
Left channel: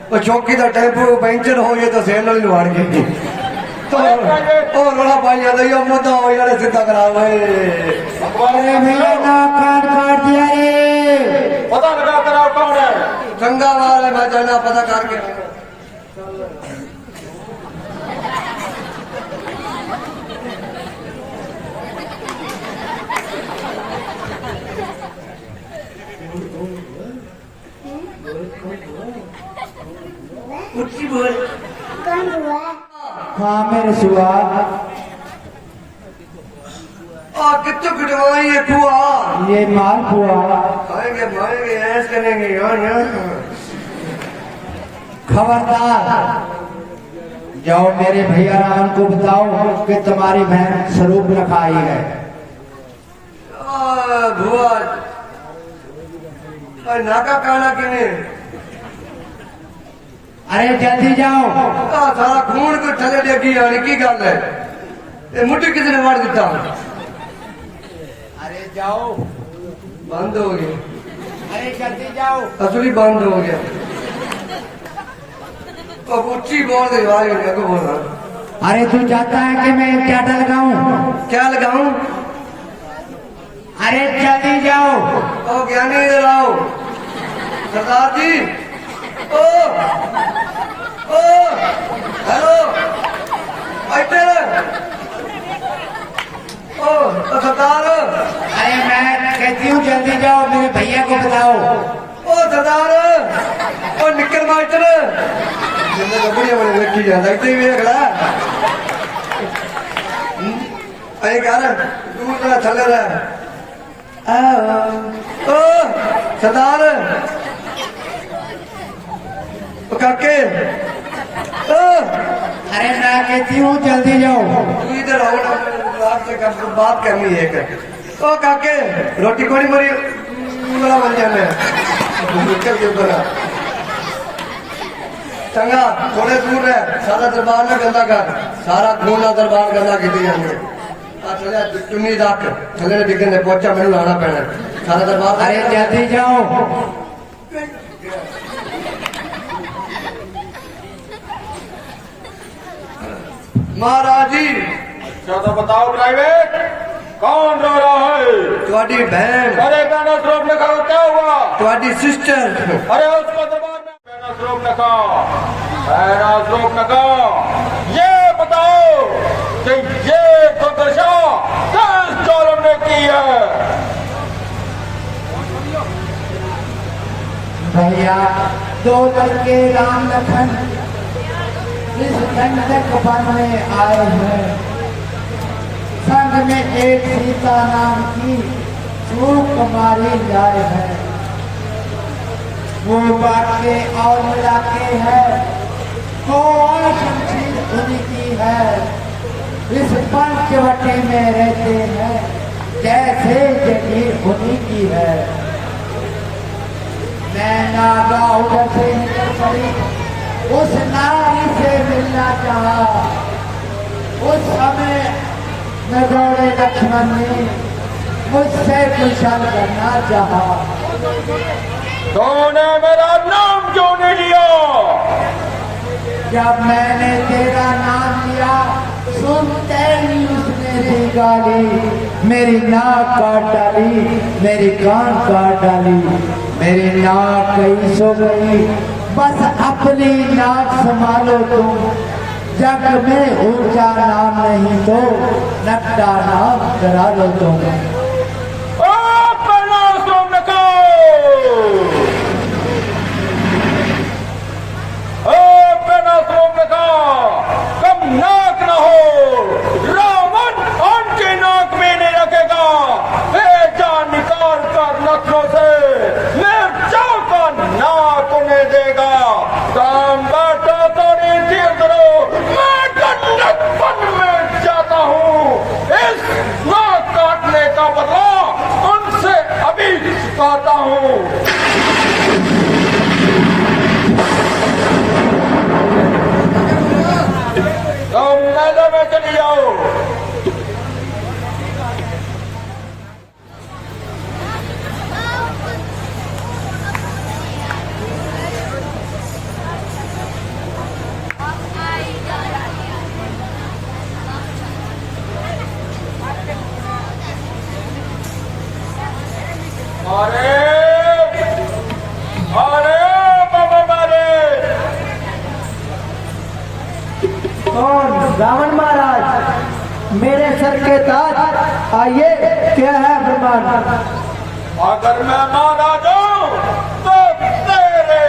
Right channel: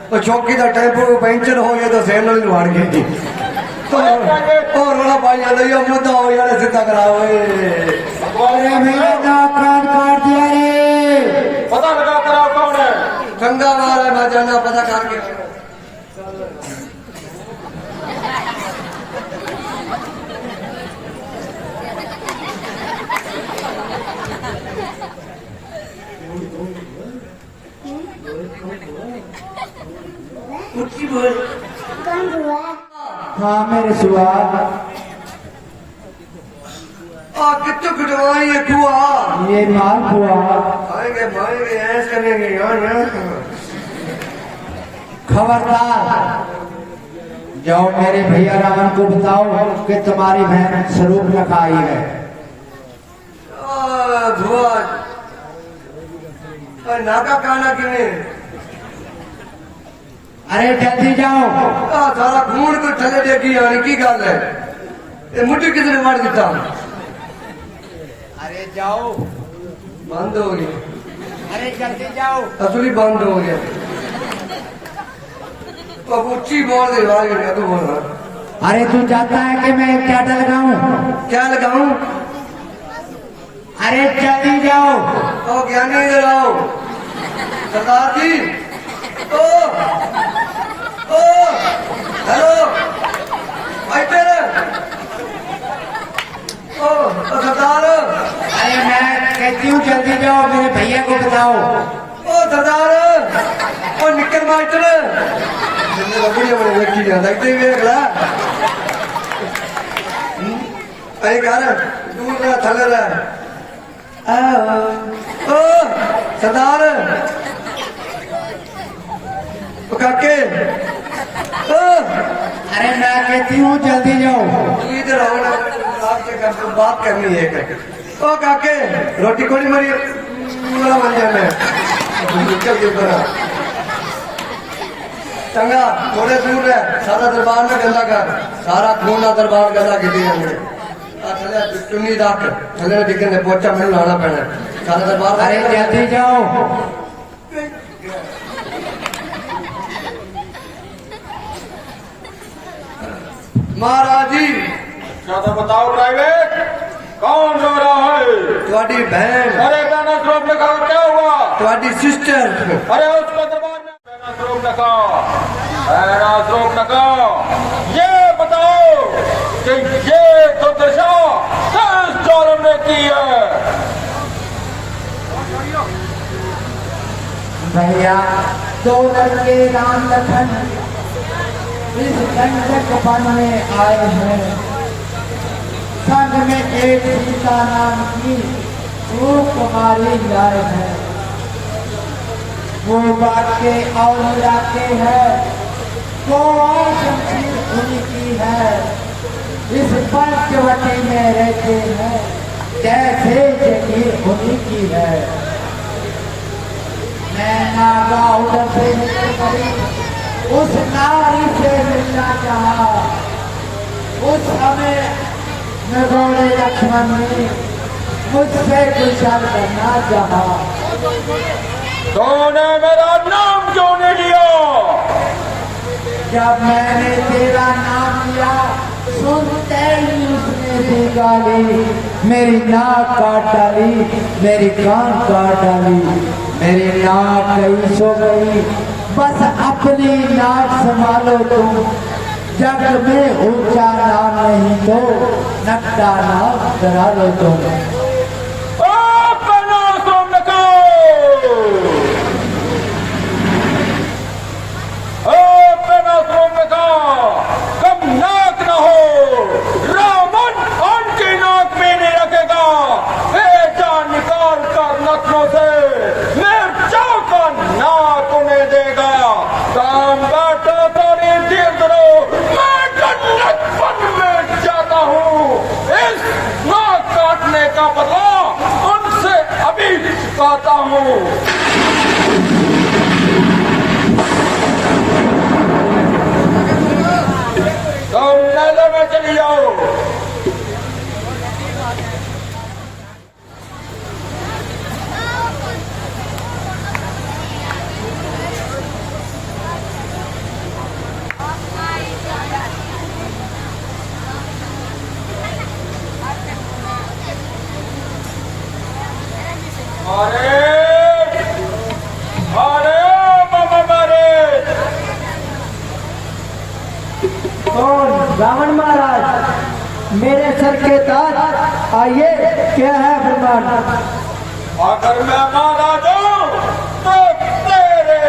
तो चौकी का टेम्पो पंचर हो गया तो सेल नहीं लवाड़ गई और रोना पाई जाता मुद्दा हो यार सीधा कराओ। अरे भैया ना कान काट दिया रे। पता लगा कराओ कौन है। गंगा वाला मैं जाना पता करके ऊंची बोल। हाँ मेरे सुहाग, आप कितने कटवाई है कुआ? ये माल हुआ। खाएंगे मारेंगे ऐस करेंगे यार। खबरदार, जाओ मेरे भैया रावण को बताओ कि तुम्हारी बहन स्वरूप रखा आई है। भुआ नाका काना किने अरे जल्दी जाओ। सारा खून को थले देखी और की गल है ये मुट्ठी किसी ने मार दिता। अरे जाओ, बंद हो गया। अरे जल्दी जाओ। असली बंद हो गया। कबूची बोल दे बारे में तो बोल रहा। अरे तू चाहता है कि मैं क्या लगाऊं? क्या लगाऊं? अरे जल्दी जाओ। ओ ज्ञानी लगाओ सरदार जी। ओ हेलो इधर ओ सरदार। अरे मैं कहती हूँ जल्दी जाओ, मेरे भैया को बताओ। ओ सरदार ओ निकल माइटर जिन्हें तो बढ़िया बड़े व्यक्ति है लगते ही अगला अरे यार दूर ना थले रहा। ओ सरदार ओ काके ओ अरे मैं कहती हूँ जल्दी जाओ। इधर आओ ना आपसे बात करनी है एक। ओ काके रोटी कोनी मरी मेरा बन जाने निकल के ऊपर चंगा थोड़े दूर है। सारा दरबार में गंदा कर, सारा खून का दरबार गंदा की चुन्नी दाक थले दिखने ने पोचा मैंने लाना पैना सारा दरबार। अरे जल्दी जाओ। महाराज जी ज्यादा बताओ प्राइवेट कौन रो रहा है? तुम्हारी बहन अरे गाना श्रोप लिखा क्या हुआ? तुम्हारी सिस्टर अरे उसका दरबार में गाना श्रोप लगा ये बताओ कि ये दुर्दशा किस जालिम ने की है? भैया, दो लड़के राम लखन इस दंडक वन में आए हैं। संग में एक सीता नाम की कुमारी लाए है। वो बाके और मिलाके है, को और शमशीर उन्हीं की है। इस पंचवटी में रहते हैं, जैसे जगीर उन्हीं की है। मैं नागा उधर से निकल पड़ी, उस नारी से मिलना चाहा। उस समय मैं दौड़े लक्ष्मण ने मुझसे कुशल करना चाहा। तूने मेरा नाम क्यों नहीं लिया? जब मैंने तेरा नाम लिया, सुनते ही उसने दी गाली। मेरी नाक काट डाली, मेरी कान काट डाली, मेरी नाक गई सो गई। बस अपनी नाक संभालो तुम, जग में ऊंचा नाम नहीं तो नक्का नाम करा लो तुम। कहता हूँ तुम मेले में चली जाओ। रावण महाराज, मेरे सर के ताज, आइए क्या है फरमान? अगर मैं मारा जाऊं तो तेरे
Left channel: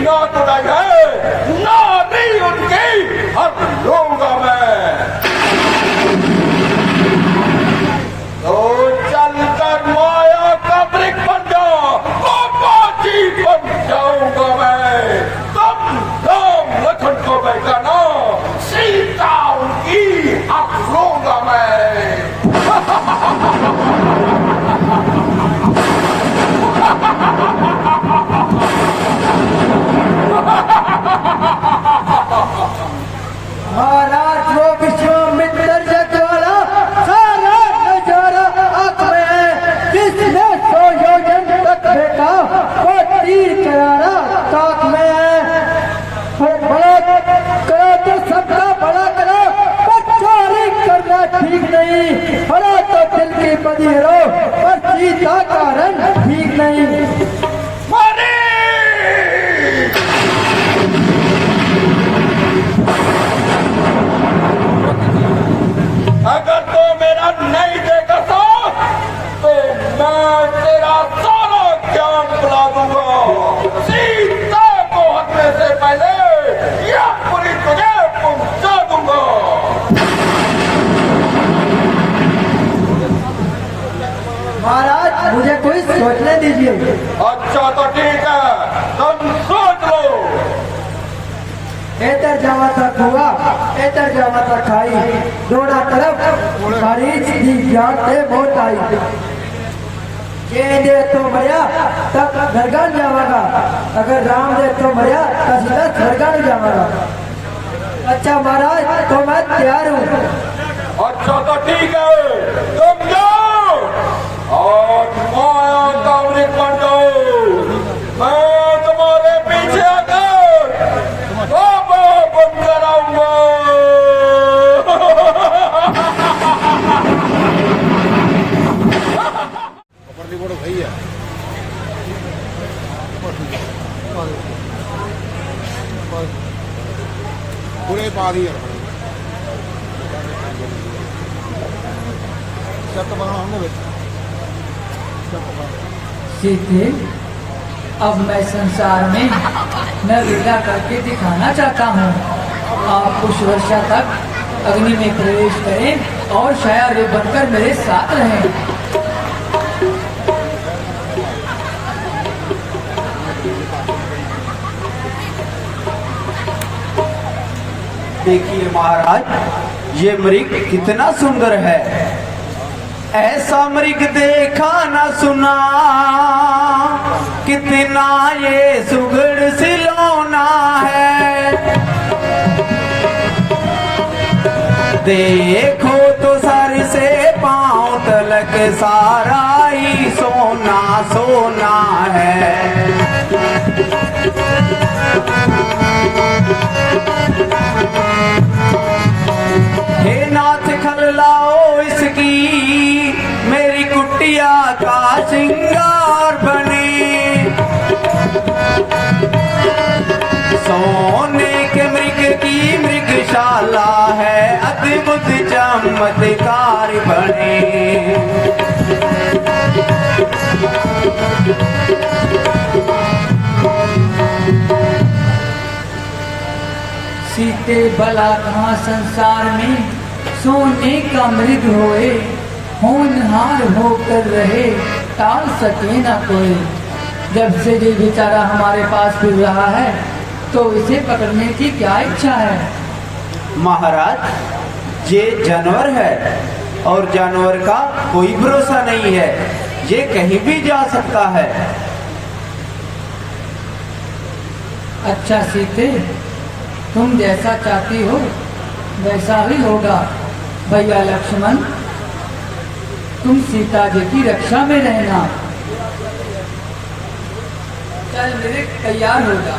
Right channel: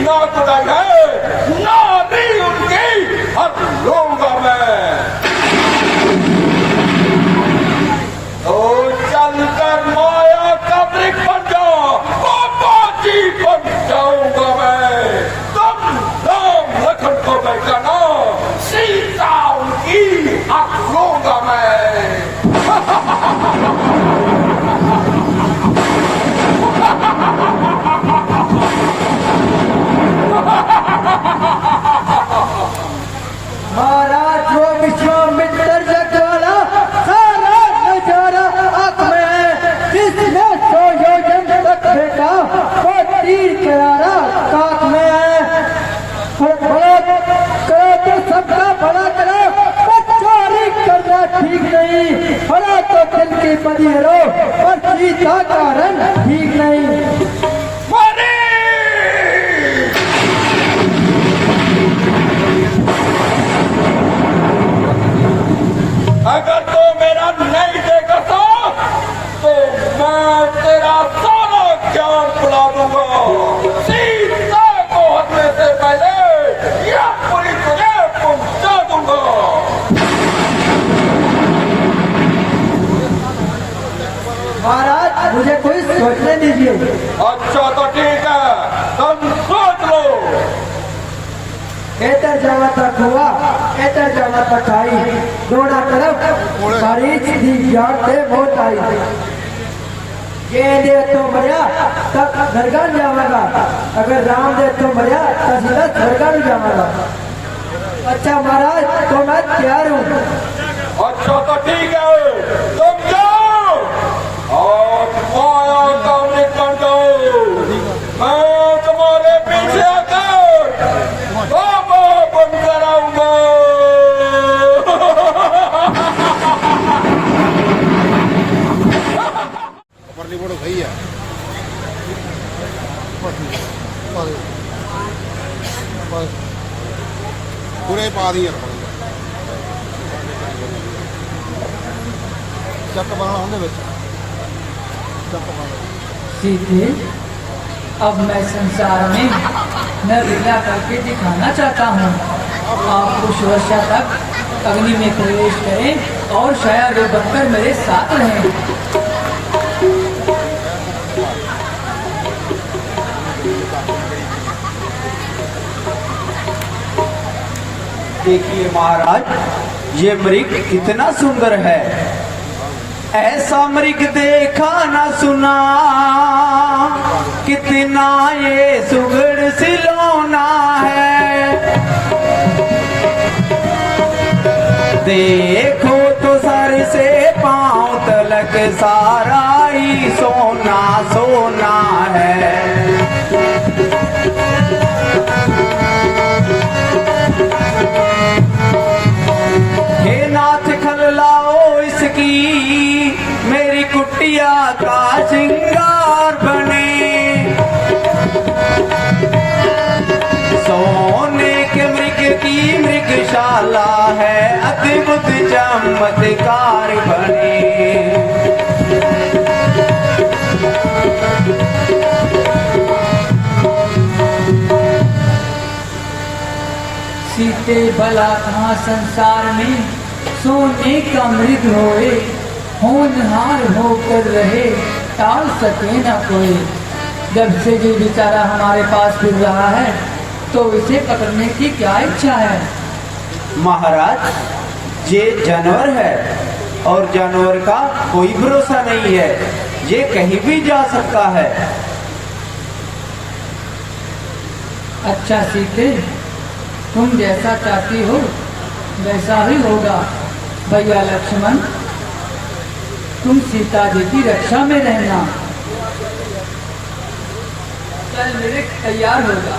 नाक है, नारी उनकी हर लूंगा मैं। तो चलकर माया का वृक्ष बन जा, बाबाजी बन जाऊंगा मैं। तब राम लखन को पहचाना, सीता उनकी हक लूंगा मैं। महाराज जो विश्वामित्र से ज्वाला सारा नजारा आंख में है। जिसने 100 योजन तक फेंका वो तीर करारा काख में है। तो बड़ा करो तो सबका भला करो, बच्चारी करना ठीक नहीं। बड़ा तो दिल की बदी हो और सीता का रंग ठीक नहीं। अगर तो मेरा नहीं देगा साथ, तो मैं तेरा सारा ज्ञान बुला दूंगा। सीता को हटने से पहले यह पुलिस तुझे पहुंचा दूंगा। महाराज मुझे कोई सोचने दीजिए। अच्छा तो ठीक है, तुम सोच लो। इधर जाना था कुआ, इधर जाना था खाई, दोनों तरफ सारी दी जाते बहुत आई। दे तो मरिया तब घरगान जावागा, अगर राम दे तो मरिया तब सीधा घरगान जावागा। अच्छा महाराज तो मैं तैयार हूँ। अच्छा तो ठीक है, तुम जाओ और माया का वृक्ष बन जाओ। मैं तुम्हारे पीछे आकर बाबा बन कराऊंगा। बड़ी बड़ी सही है। पूरे पा दिए सीते, अब मैं संसार में न लीला करके दिखाना चाहता हूँ। आप कुछ वर्षा तक अग्नि में प्रवेश करें और शायद वो बनकर मेरे साथ रहें। देखिए महाराज ये मृग कितना सुंदर है। ऐसा मृग देखा न सुना, कितना ये सुगड़ सिलौना है। देखो तो सर से पांव तलक सारा ही सोना सोना है। हे नाथ खललाओ इसकी, मेरी कुटिया का श्रृंगार बने। सोने के मृग की मृगशाला है, अद्भुत चमत्कार बने। सीते भला कहाँ संसार में सोने का मृग होए, होनहार होकर रहे टाल सके न कोई। जब से ये बेचारा हमारे पास फिर रहा है तो उसे पकड़ने की क्या इच्छा है। महाराज ये जानवर है और जानवर का कोई भरोसा नहीं है, ये कहीं भी जा सकता है। अच्छा सीते, तुम जैसा चाहती हो वैसा ही होगा। भैया लक्ष्मण, तुम सीता जी की रक्षा में रहना। कल मेरे तैयार होगा।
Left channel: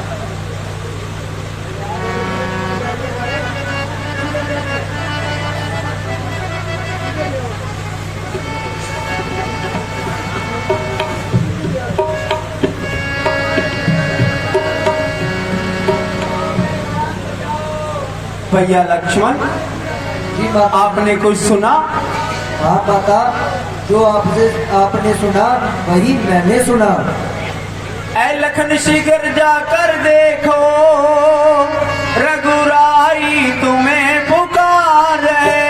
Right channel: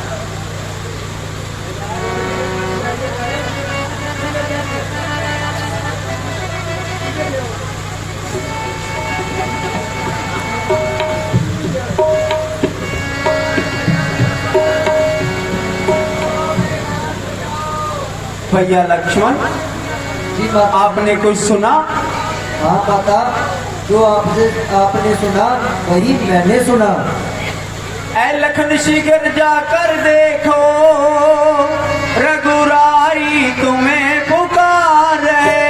भैया लक्ष्मण जी, आपने कुछ सुना? हाँ पापा, जो आपने सुना वही मैंने सुना। ऐ लेखन शिखर जाकर देखो, रघुराई तुम्हें पुकार रहे।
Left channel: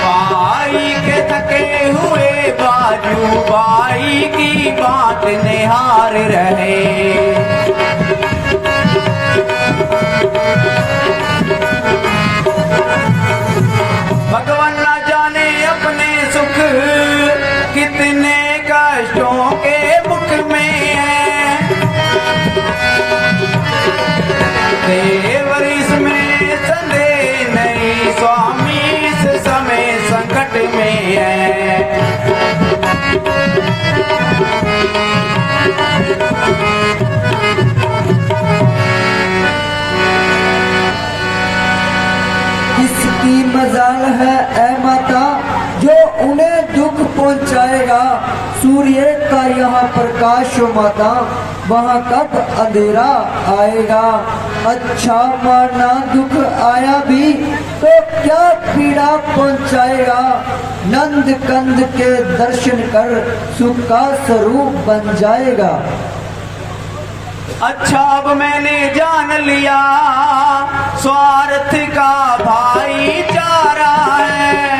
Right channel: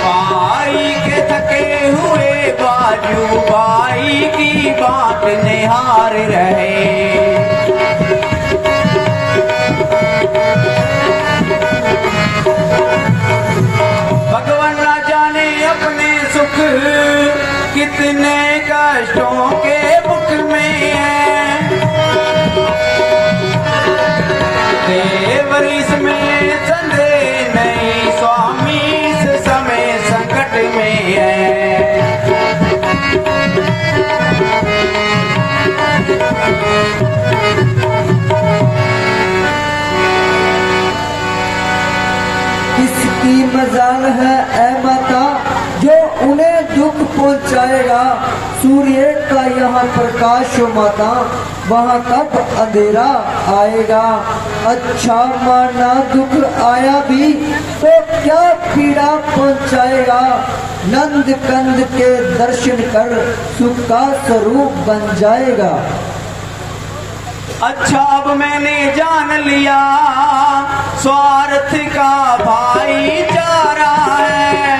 भाई के थके हुए बाजू भाई की बात निहार रहे। भगवान न जाने अपने सुख कितने कष्टों के मुख में है। देवर इसमें संदेह नहीं, स्वामी इस समय संकट में है। किसकी मजाल है ऐ माता जो उन्हें दुख पहुंचाएगा। सूर्य का यहाँ प्रकाश हो माता, वहाँ कब अंधेरा आएगा। अच्छा माना दुख आया भी तो क्या पीड़ा पहुंचाएगा। नंद कंद के दर्शन कर सुख का स्वरूप बन जाएगा। अच्छा अब मैंने जान लिया स्वार्थ का भाईचारा है।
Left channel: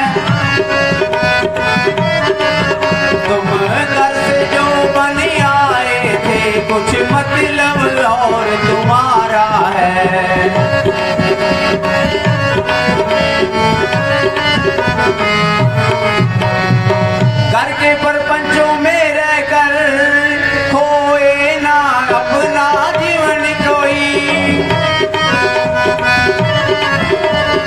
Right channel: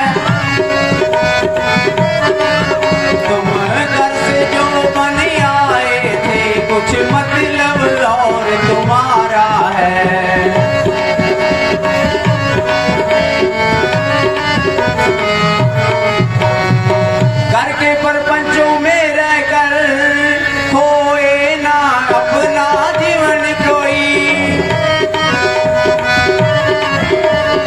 तुम घर से जो बन आए थे कुछ मतलब और तुम्हारा है। घर के प्रपंचों में रहकर खोए ना अपना जीवन कोई।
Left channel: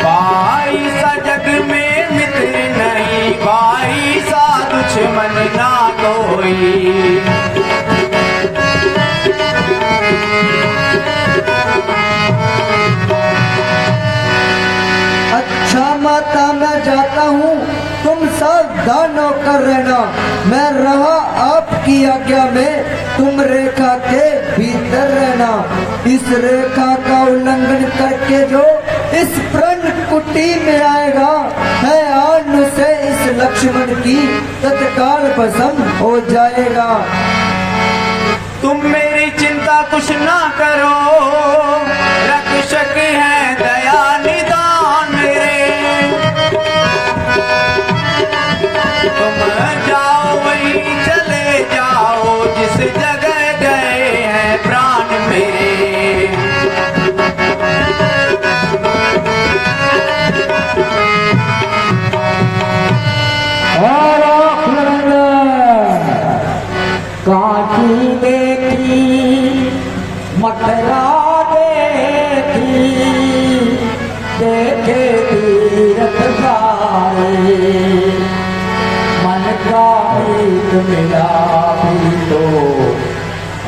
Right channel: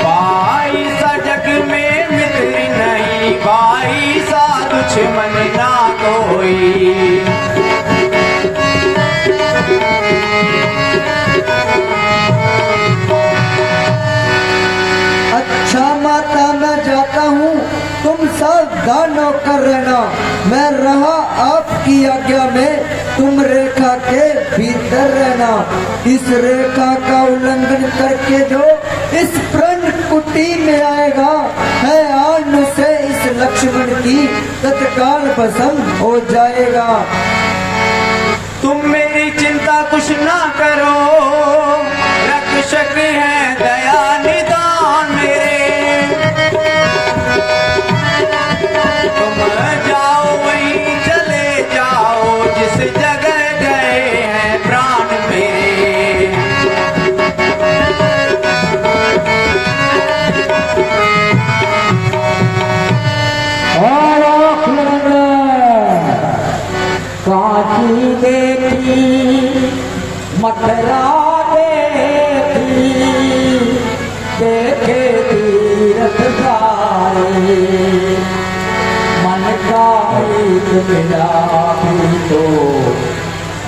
भाई सा जग में मित्र नहीं, भाई सा दुश्मन ना कोई। अच्छा माता मैं जाता हूँ, तुम सावधान होकर रहना। मैं रहा आपकी आज्ञा में, तुम रेखा के भीतर रहना। इस रेखा का उल्लंघन करके जो इस प्रण कुटी में आएगा, है आन से इस लक्ष्मण की तत्काल भस्म हो जाएगा। तुम मेरी चिंता कुछ ना करो, रक्षक है दया निदान मेरे। तुम जाओ वहीं चले जाओ जिस जगह गए हैं प्राण मेरे। काकी देखी मथुरा देखी, देखे तीरथ जाए। मन का एक मेरा भी तो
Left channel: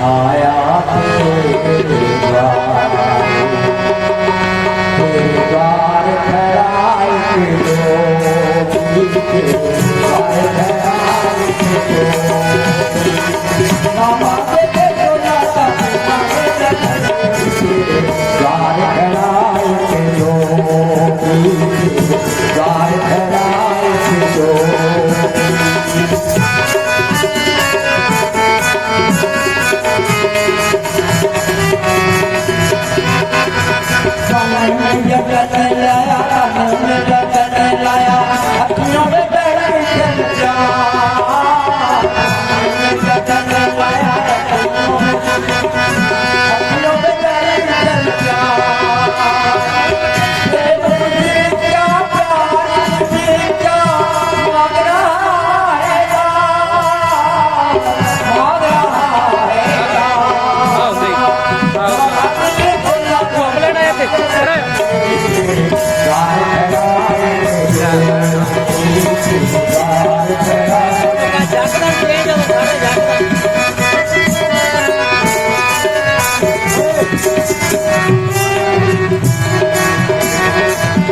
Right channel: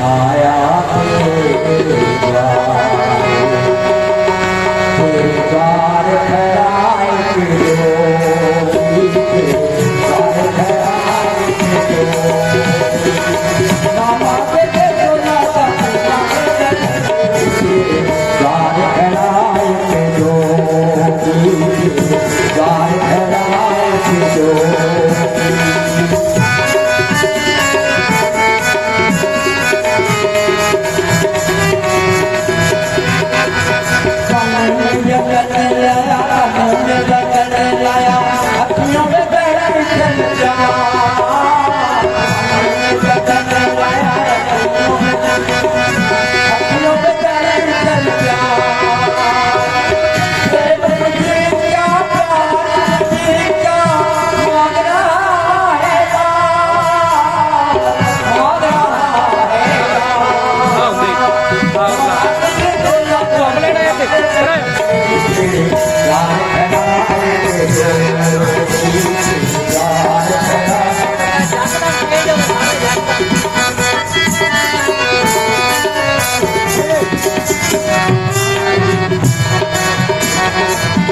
आया तेरे जाए। तेरे द्वार खड़ा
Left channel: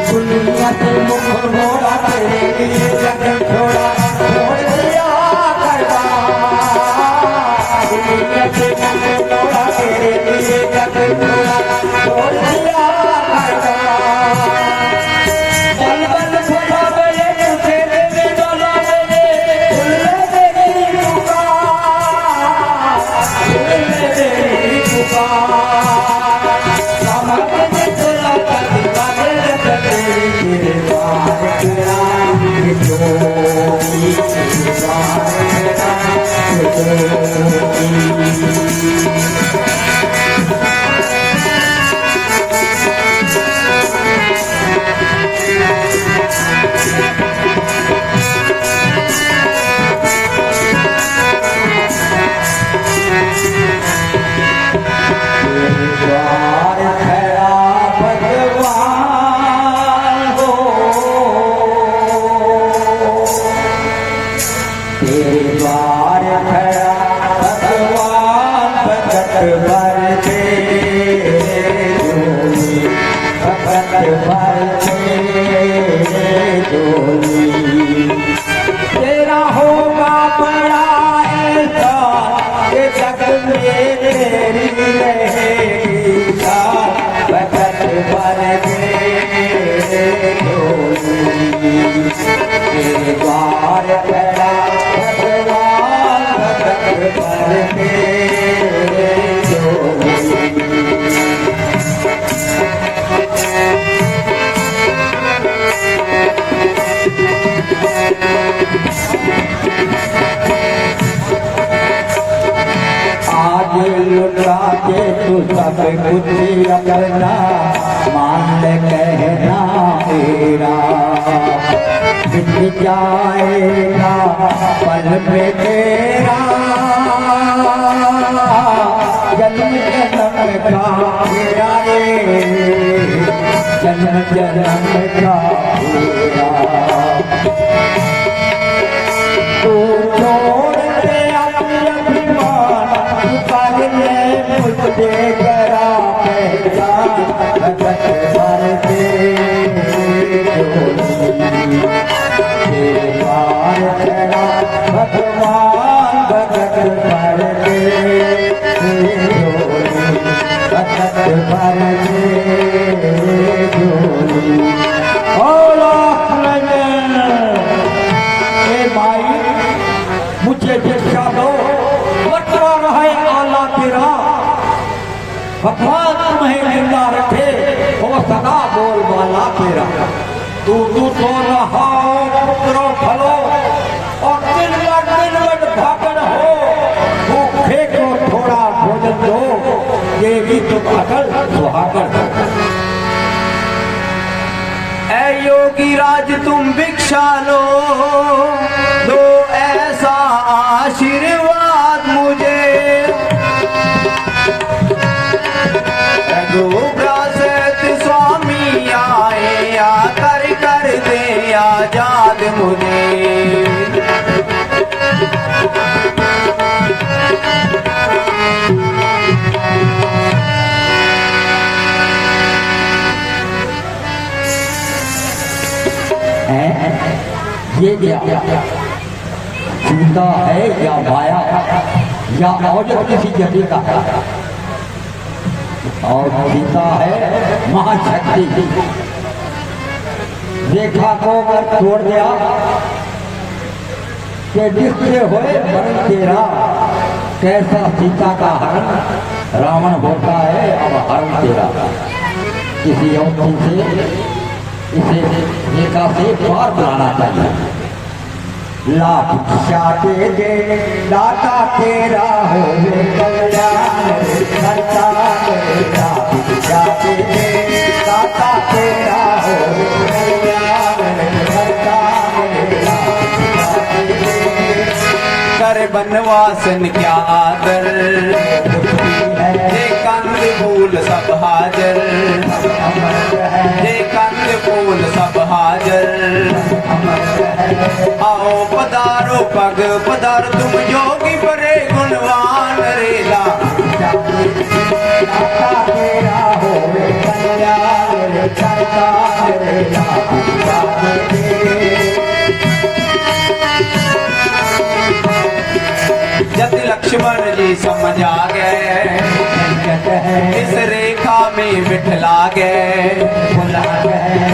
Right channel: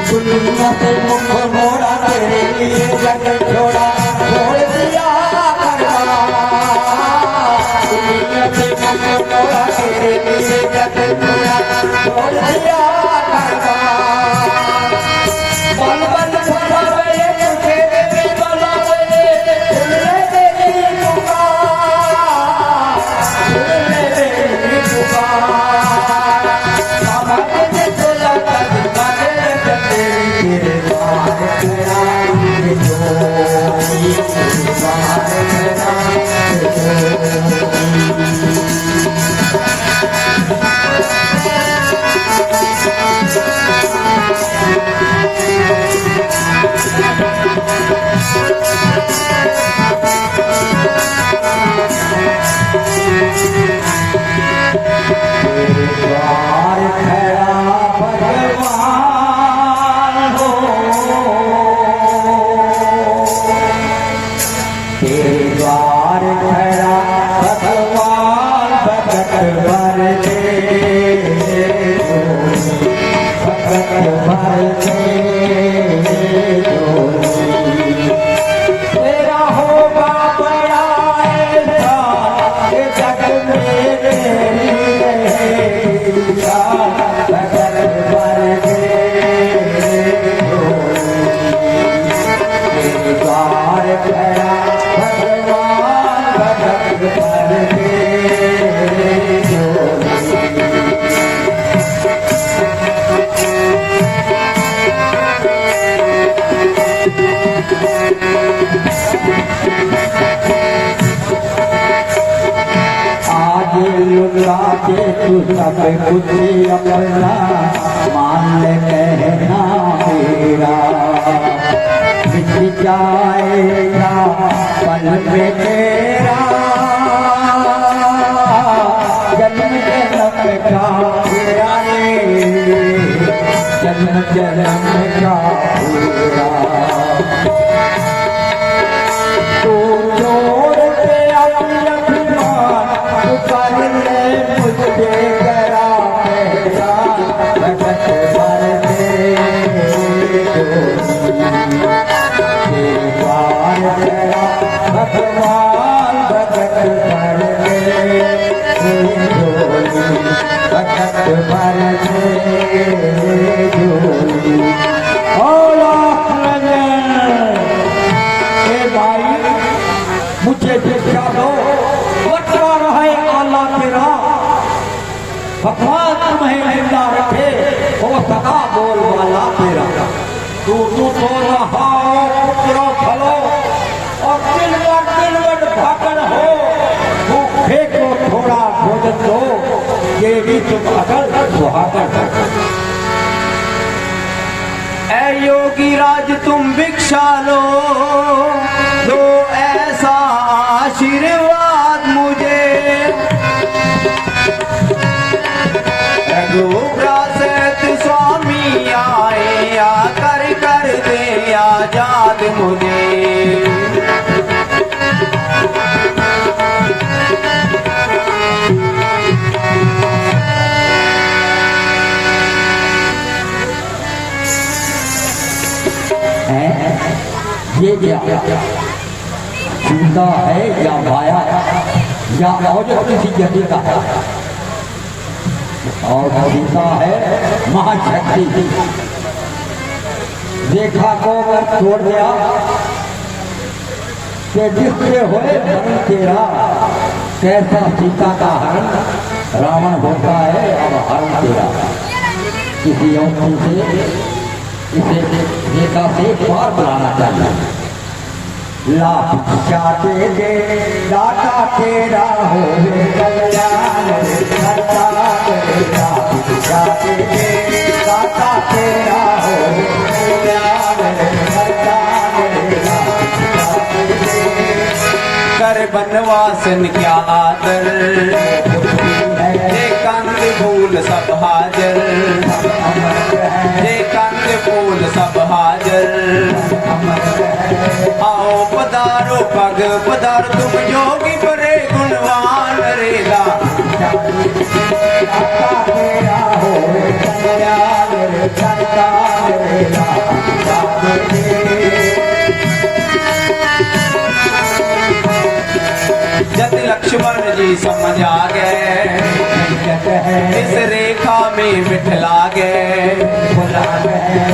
दुनिया के मुख मोड़ा तेरे लिए जग छोड़ा छोड़ दिया करना। दुनिया के मुख मोड़ा तेरे लिए जग छोड़ा छोड़ दिया करना। बल बल फुला वे तेरे में बोला वे फुले तेरी पुकार। द्वार खड़ा भगवान हो, तेरे द्वार खड़ा भगवान भटक भर दे, भटक भर दे तेरा होगा बड़ा ऐसा ये जग मेरी रहेगा, भटक भर दे तेरे द्वार खड़ा भगवान भटक भर दे। आज लुटा के तू सब कुछ अपना मान ले कहना तेरा, बिछ जाएगा पल में तेरा जन्म जन्म का तेरा रे, जन्म जन्म का तेरा। तू छोड़ दे अभिमान कर ले मुझे जरा कहता, भटक भर दे द्वार खड़ा भगवान भटक भर दे, भटक भर दे भाई मुझे भिक्षा दो, बटवा रहे आला तेरा, भगवान तुम्हें जिंदा रखे और सदा बोल वाला तेरा। तू तो रहा पुत्रो फलो और दिलवट भागन हो, भूखे को थोड़ा भोजन दो, ये भी तुम अकल सुहागन हो। ऐ योगी राज तुम भिक्षा लो, दो ऐसा आशीर्वाद मुझे, रघुराज स्वामी आए आकर कर दे आजाद मुझे। ये क्या जूता है या माया या और किसी जगह का, और सीता है महाशक्ति। देखा को छोड़ दिया कि जिसके हुए धन तेरा, कैसा सीता का हरण रावण होता है, अब हरण तेरा किसी और से इसे नेता से पार बुलाना चाहिए। लाख भिक्षा दे दाता तेरा हो कल्याण करता, लाख भिक्षा दे दाता तेरा हो कल्याण करता, कर बनवासन क्या आदर, ये कंद फूल सब हाजर, ये कंद फूल सब हाजर। आओ पधारो पग पधार तुम योगी बड़े गुणवान रेला, हो जब लक्ष्मण जी समझ आ गए, इस रेखा में बिठला गए,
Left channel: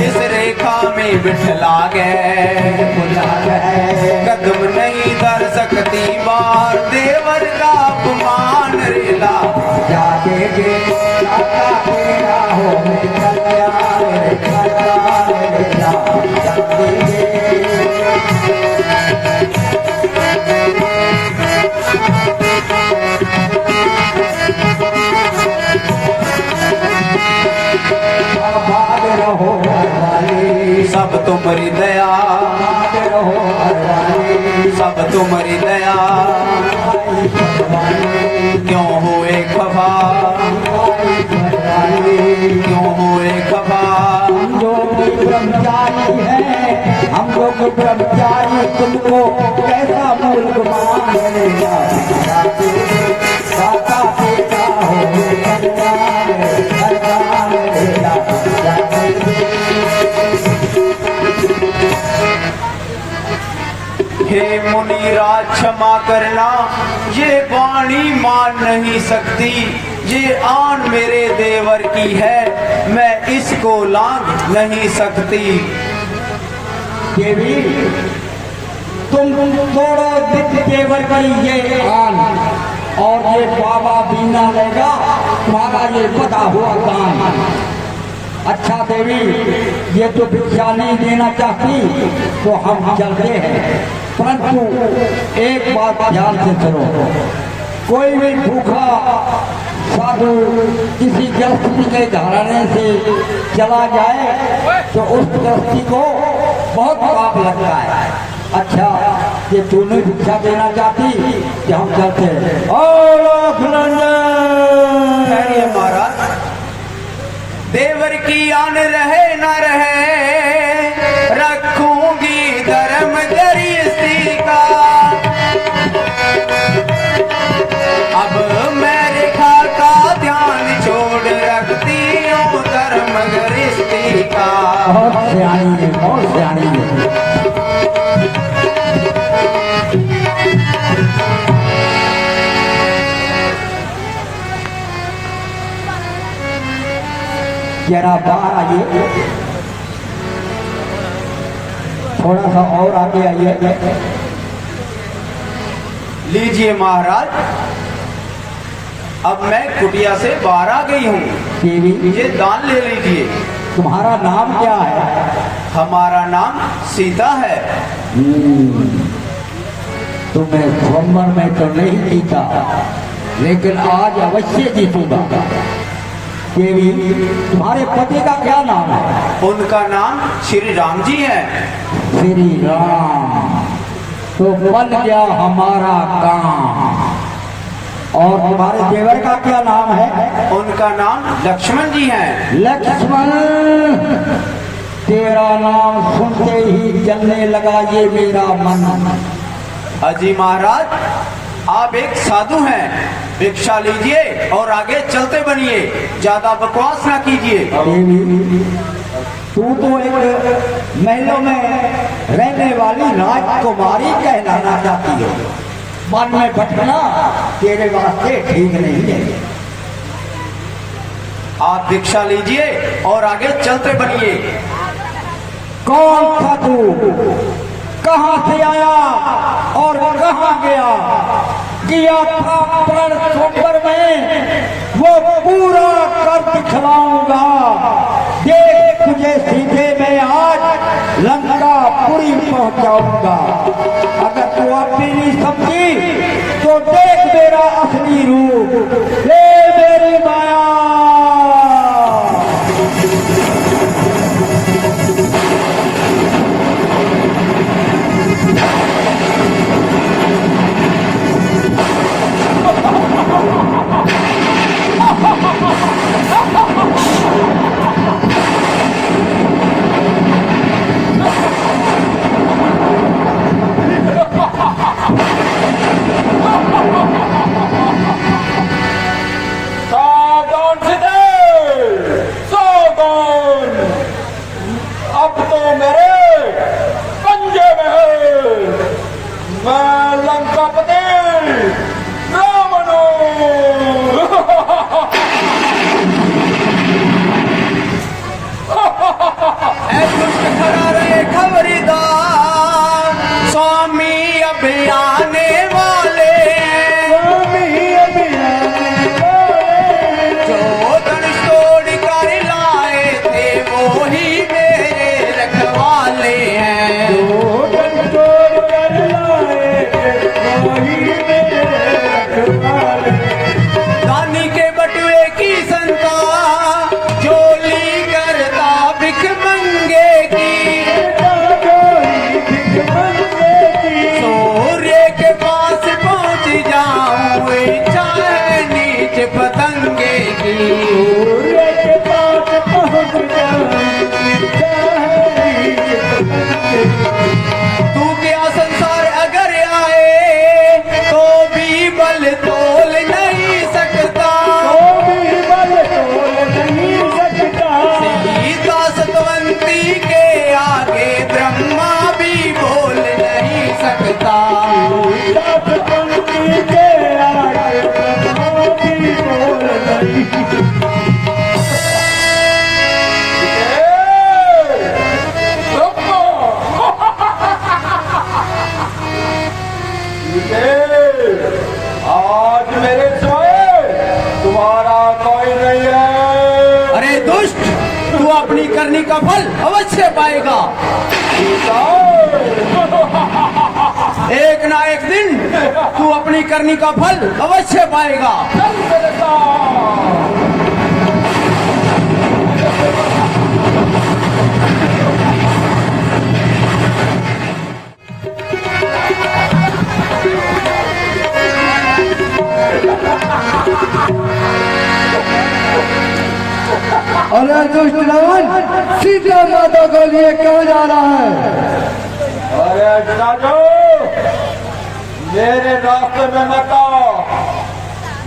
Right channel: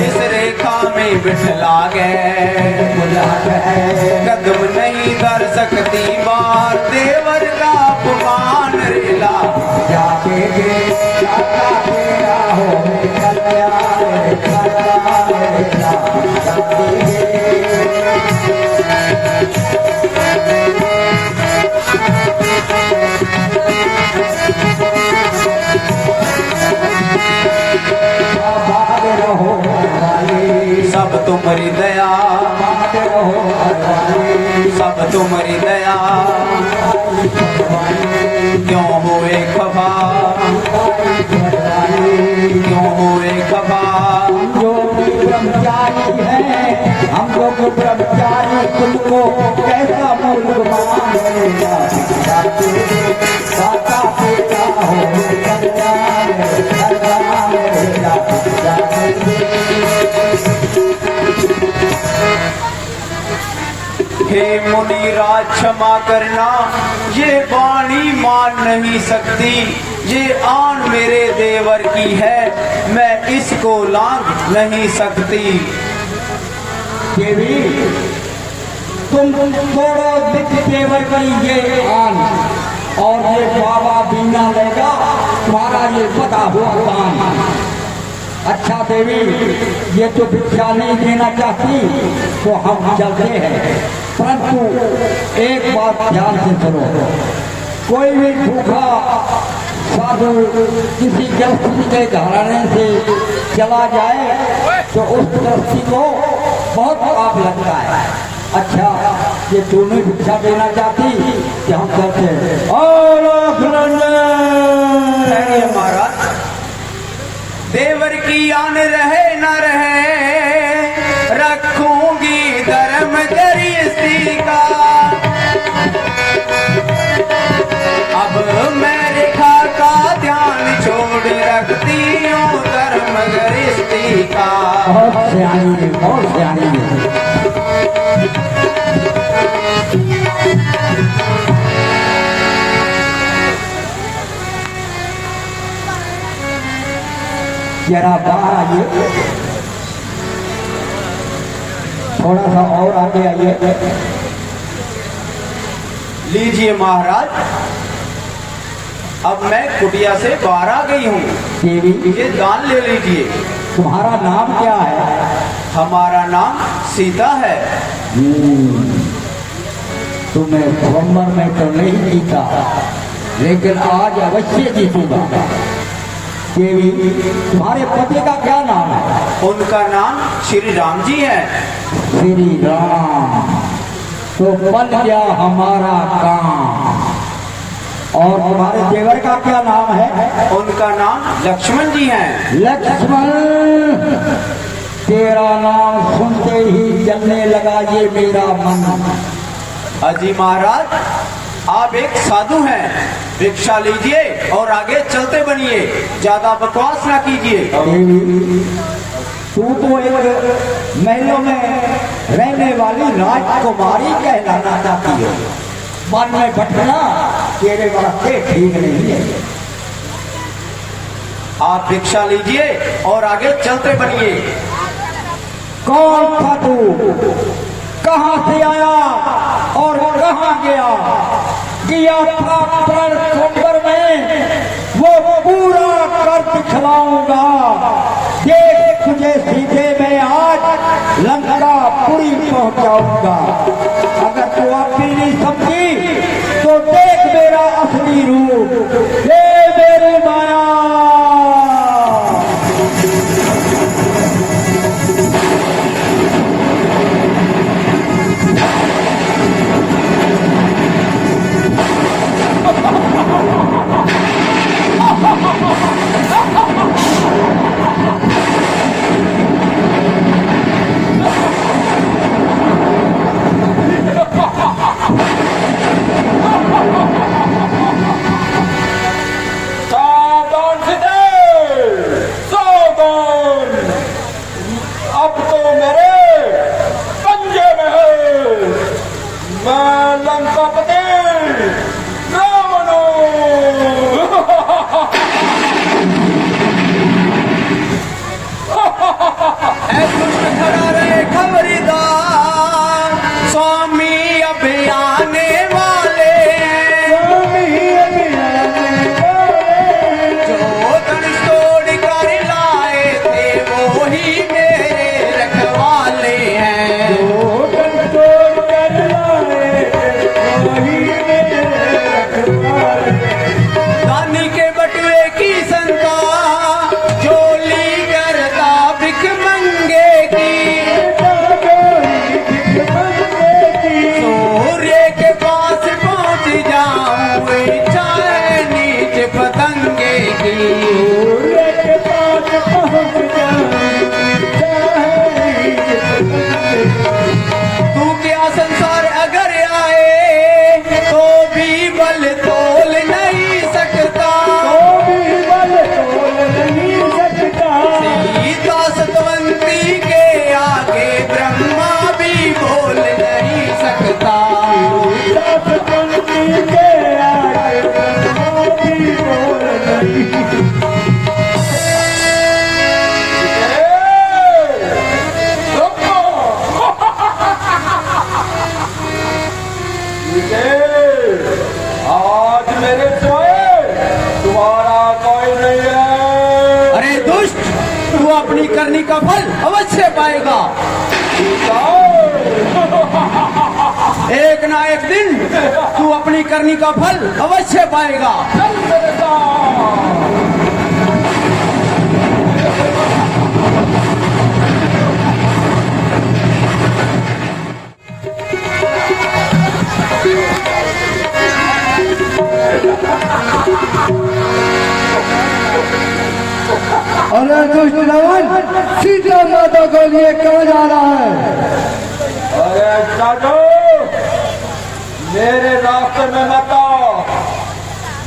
इस रेखा में बिठला गए, कदम नहीं धर सकती बार देवर का अपमान रेला, जाके तेरा हो सब तुम्हारी दया, सब तुम्हारी दया, क्यों हुए खफा मोरे बाबा हम लोग ब्रह्मचारी हैं, हम लोग ब्रह्मचारी तुमको कैसा मूर्ख मानेगा। पापा पिता हो हे मुनिराज क्षमा करना, ये वाणी मान नहीं सकती, ये आन मेरे देवर की है, मैं इसको लांघ नहीं सकती। देवी तुम थोड़ा दिख देवर की ये आन और ये बाबा बीना लेगा तुम्हारा ये पता हुआ कान। अच्छा देवी ये तो भिक्षा नहीं देना चाहती तो हम चलते हैं, परंतु एक बात ध्यान से सुनो, कोई भी भूखा साधु किसी गृहस्थी के घराने से चला जाए तो उस गृहस्थी को बहुत पाप लगता है। अच्छा ये तू नहीं भिक्षा देना चाहती कि हम चलते हैं। महाराज देवर की आन रहे ना रहे, रखूंगी धर्म दरिस्ती का। अब मैं रेखा का ध्यान छोड़ रखती हूँ धर्म दरिस्ती का। बहुत सियानी जरा बाहर आइए, थोड़ा सा और आगे आइए। लीजिए महाराज, अब मैं कुटिया से बाहर आ गई हूँ, ये दान ले लीजिए। तुम्हारा नाम क्या है? हमारा नाम सीता है। तुम्हें स्वयंवर में तो नहीं जीता, लेकिन आज अवश्य जीतूंगा। देवी तुम्हारे पति का क्या नाम है? उनका नाम श्री राम जी है। श्री राम तो बन गया हमारा काम। और तुम्हारे देवर का क्या नाम है? उनका नाम लक्ष्मण जी है। लक्ष्मण तेरा नाम सुनते ही जलने लगा ये मेरा मन। अजी महाराज आप एक साधु हैं, भिक्षा लीजिए और आगे चलते बनिए, ज्यादा बकवास ना कीजिए। तू तो एक महलों में रहने वाली राजकुमारी कहलाना चाहती है, मन में बैठना तेरे वास्ते ठीक नहीं है। आप भिक्षा लीजिए और आगे चलते बनिए। कौन था तू? कहां से आया और कहां गया? किया था पर खबर में वो पूरा कर दिखलाऊंगा। देख तुझे सीधे मैं आज लंका पूरी पहुंचाऊंगा। अगर तू अपनी नहीं समझी तो देख मेरा असली रूप, ले मेरी माया। सीते, आज मेरे सिवाय तुम्हारा कोई नहीं है। अरे दुष्ट, तू अपनी करनी का फल अवश्य पाएगा। एक ना एक दिन तू अपनी करनी का फल अवश्य पाएगा। अरे दुष्ट जवान, सीता माता के लिए क्यों जा रहा है? अरे साधु, मेरे रास्ते में मत आओ,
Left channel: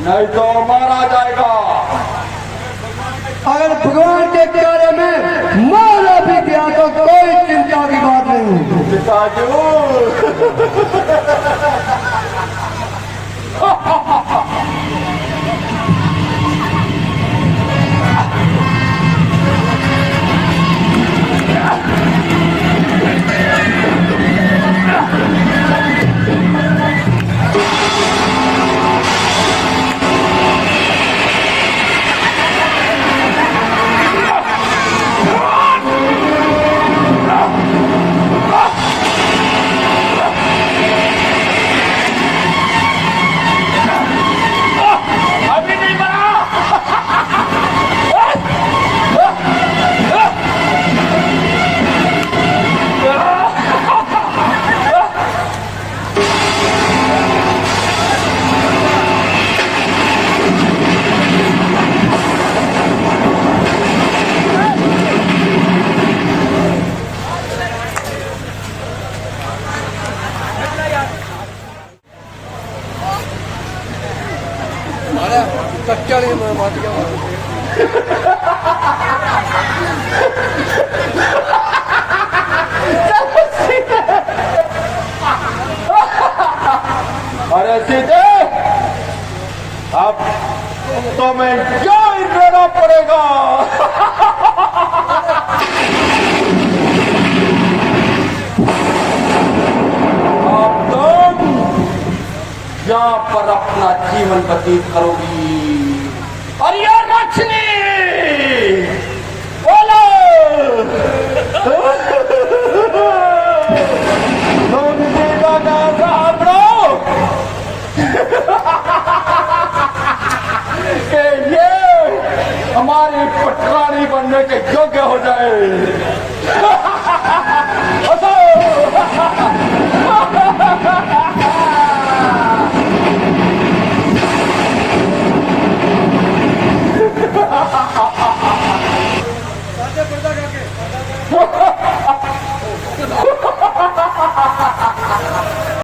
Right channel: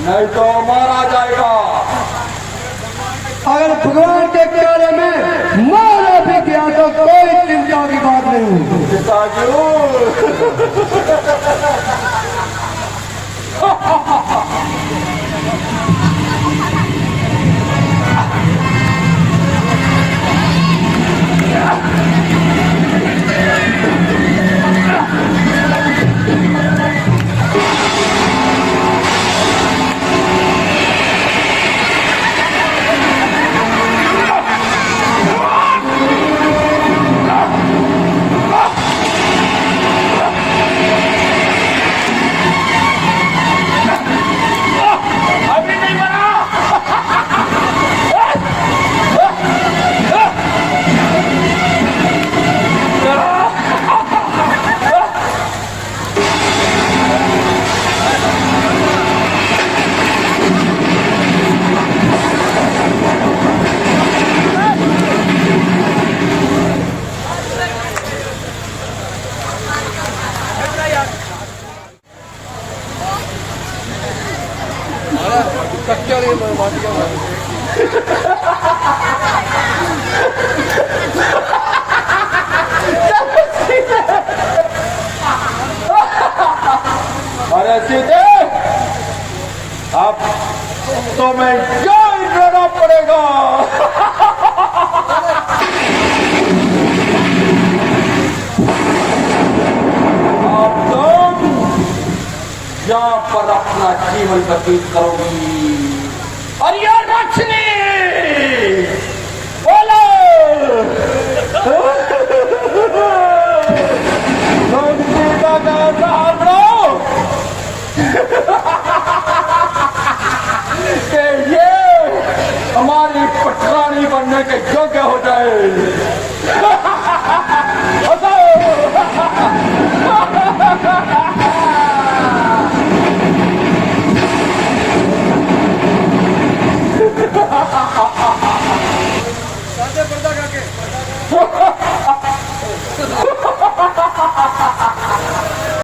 नहीं तो मारा जाएगा। अगर भगवान के प्यारे में मारा भी गया तो कोई चिंता की बात नहीं। साधु, अरे सीते, अब तुम्हें जान देना पड़ेगा। अब तुम यहाँ पर अपना जीवन व्यतीत करोगी। और ये लक्ष्मी बोलो, तुम सीता का साथ रहो कि ये हमारी पटरानी बनने के योग्य हो जाए।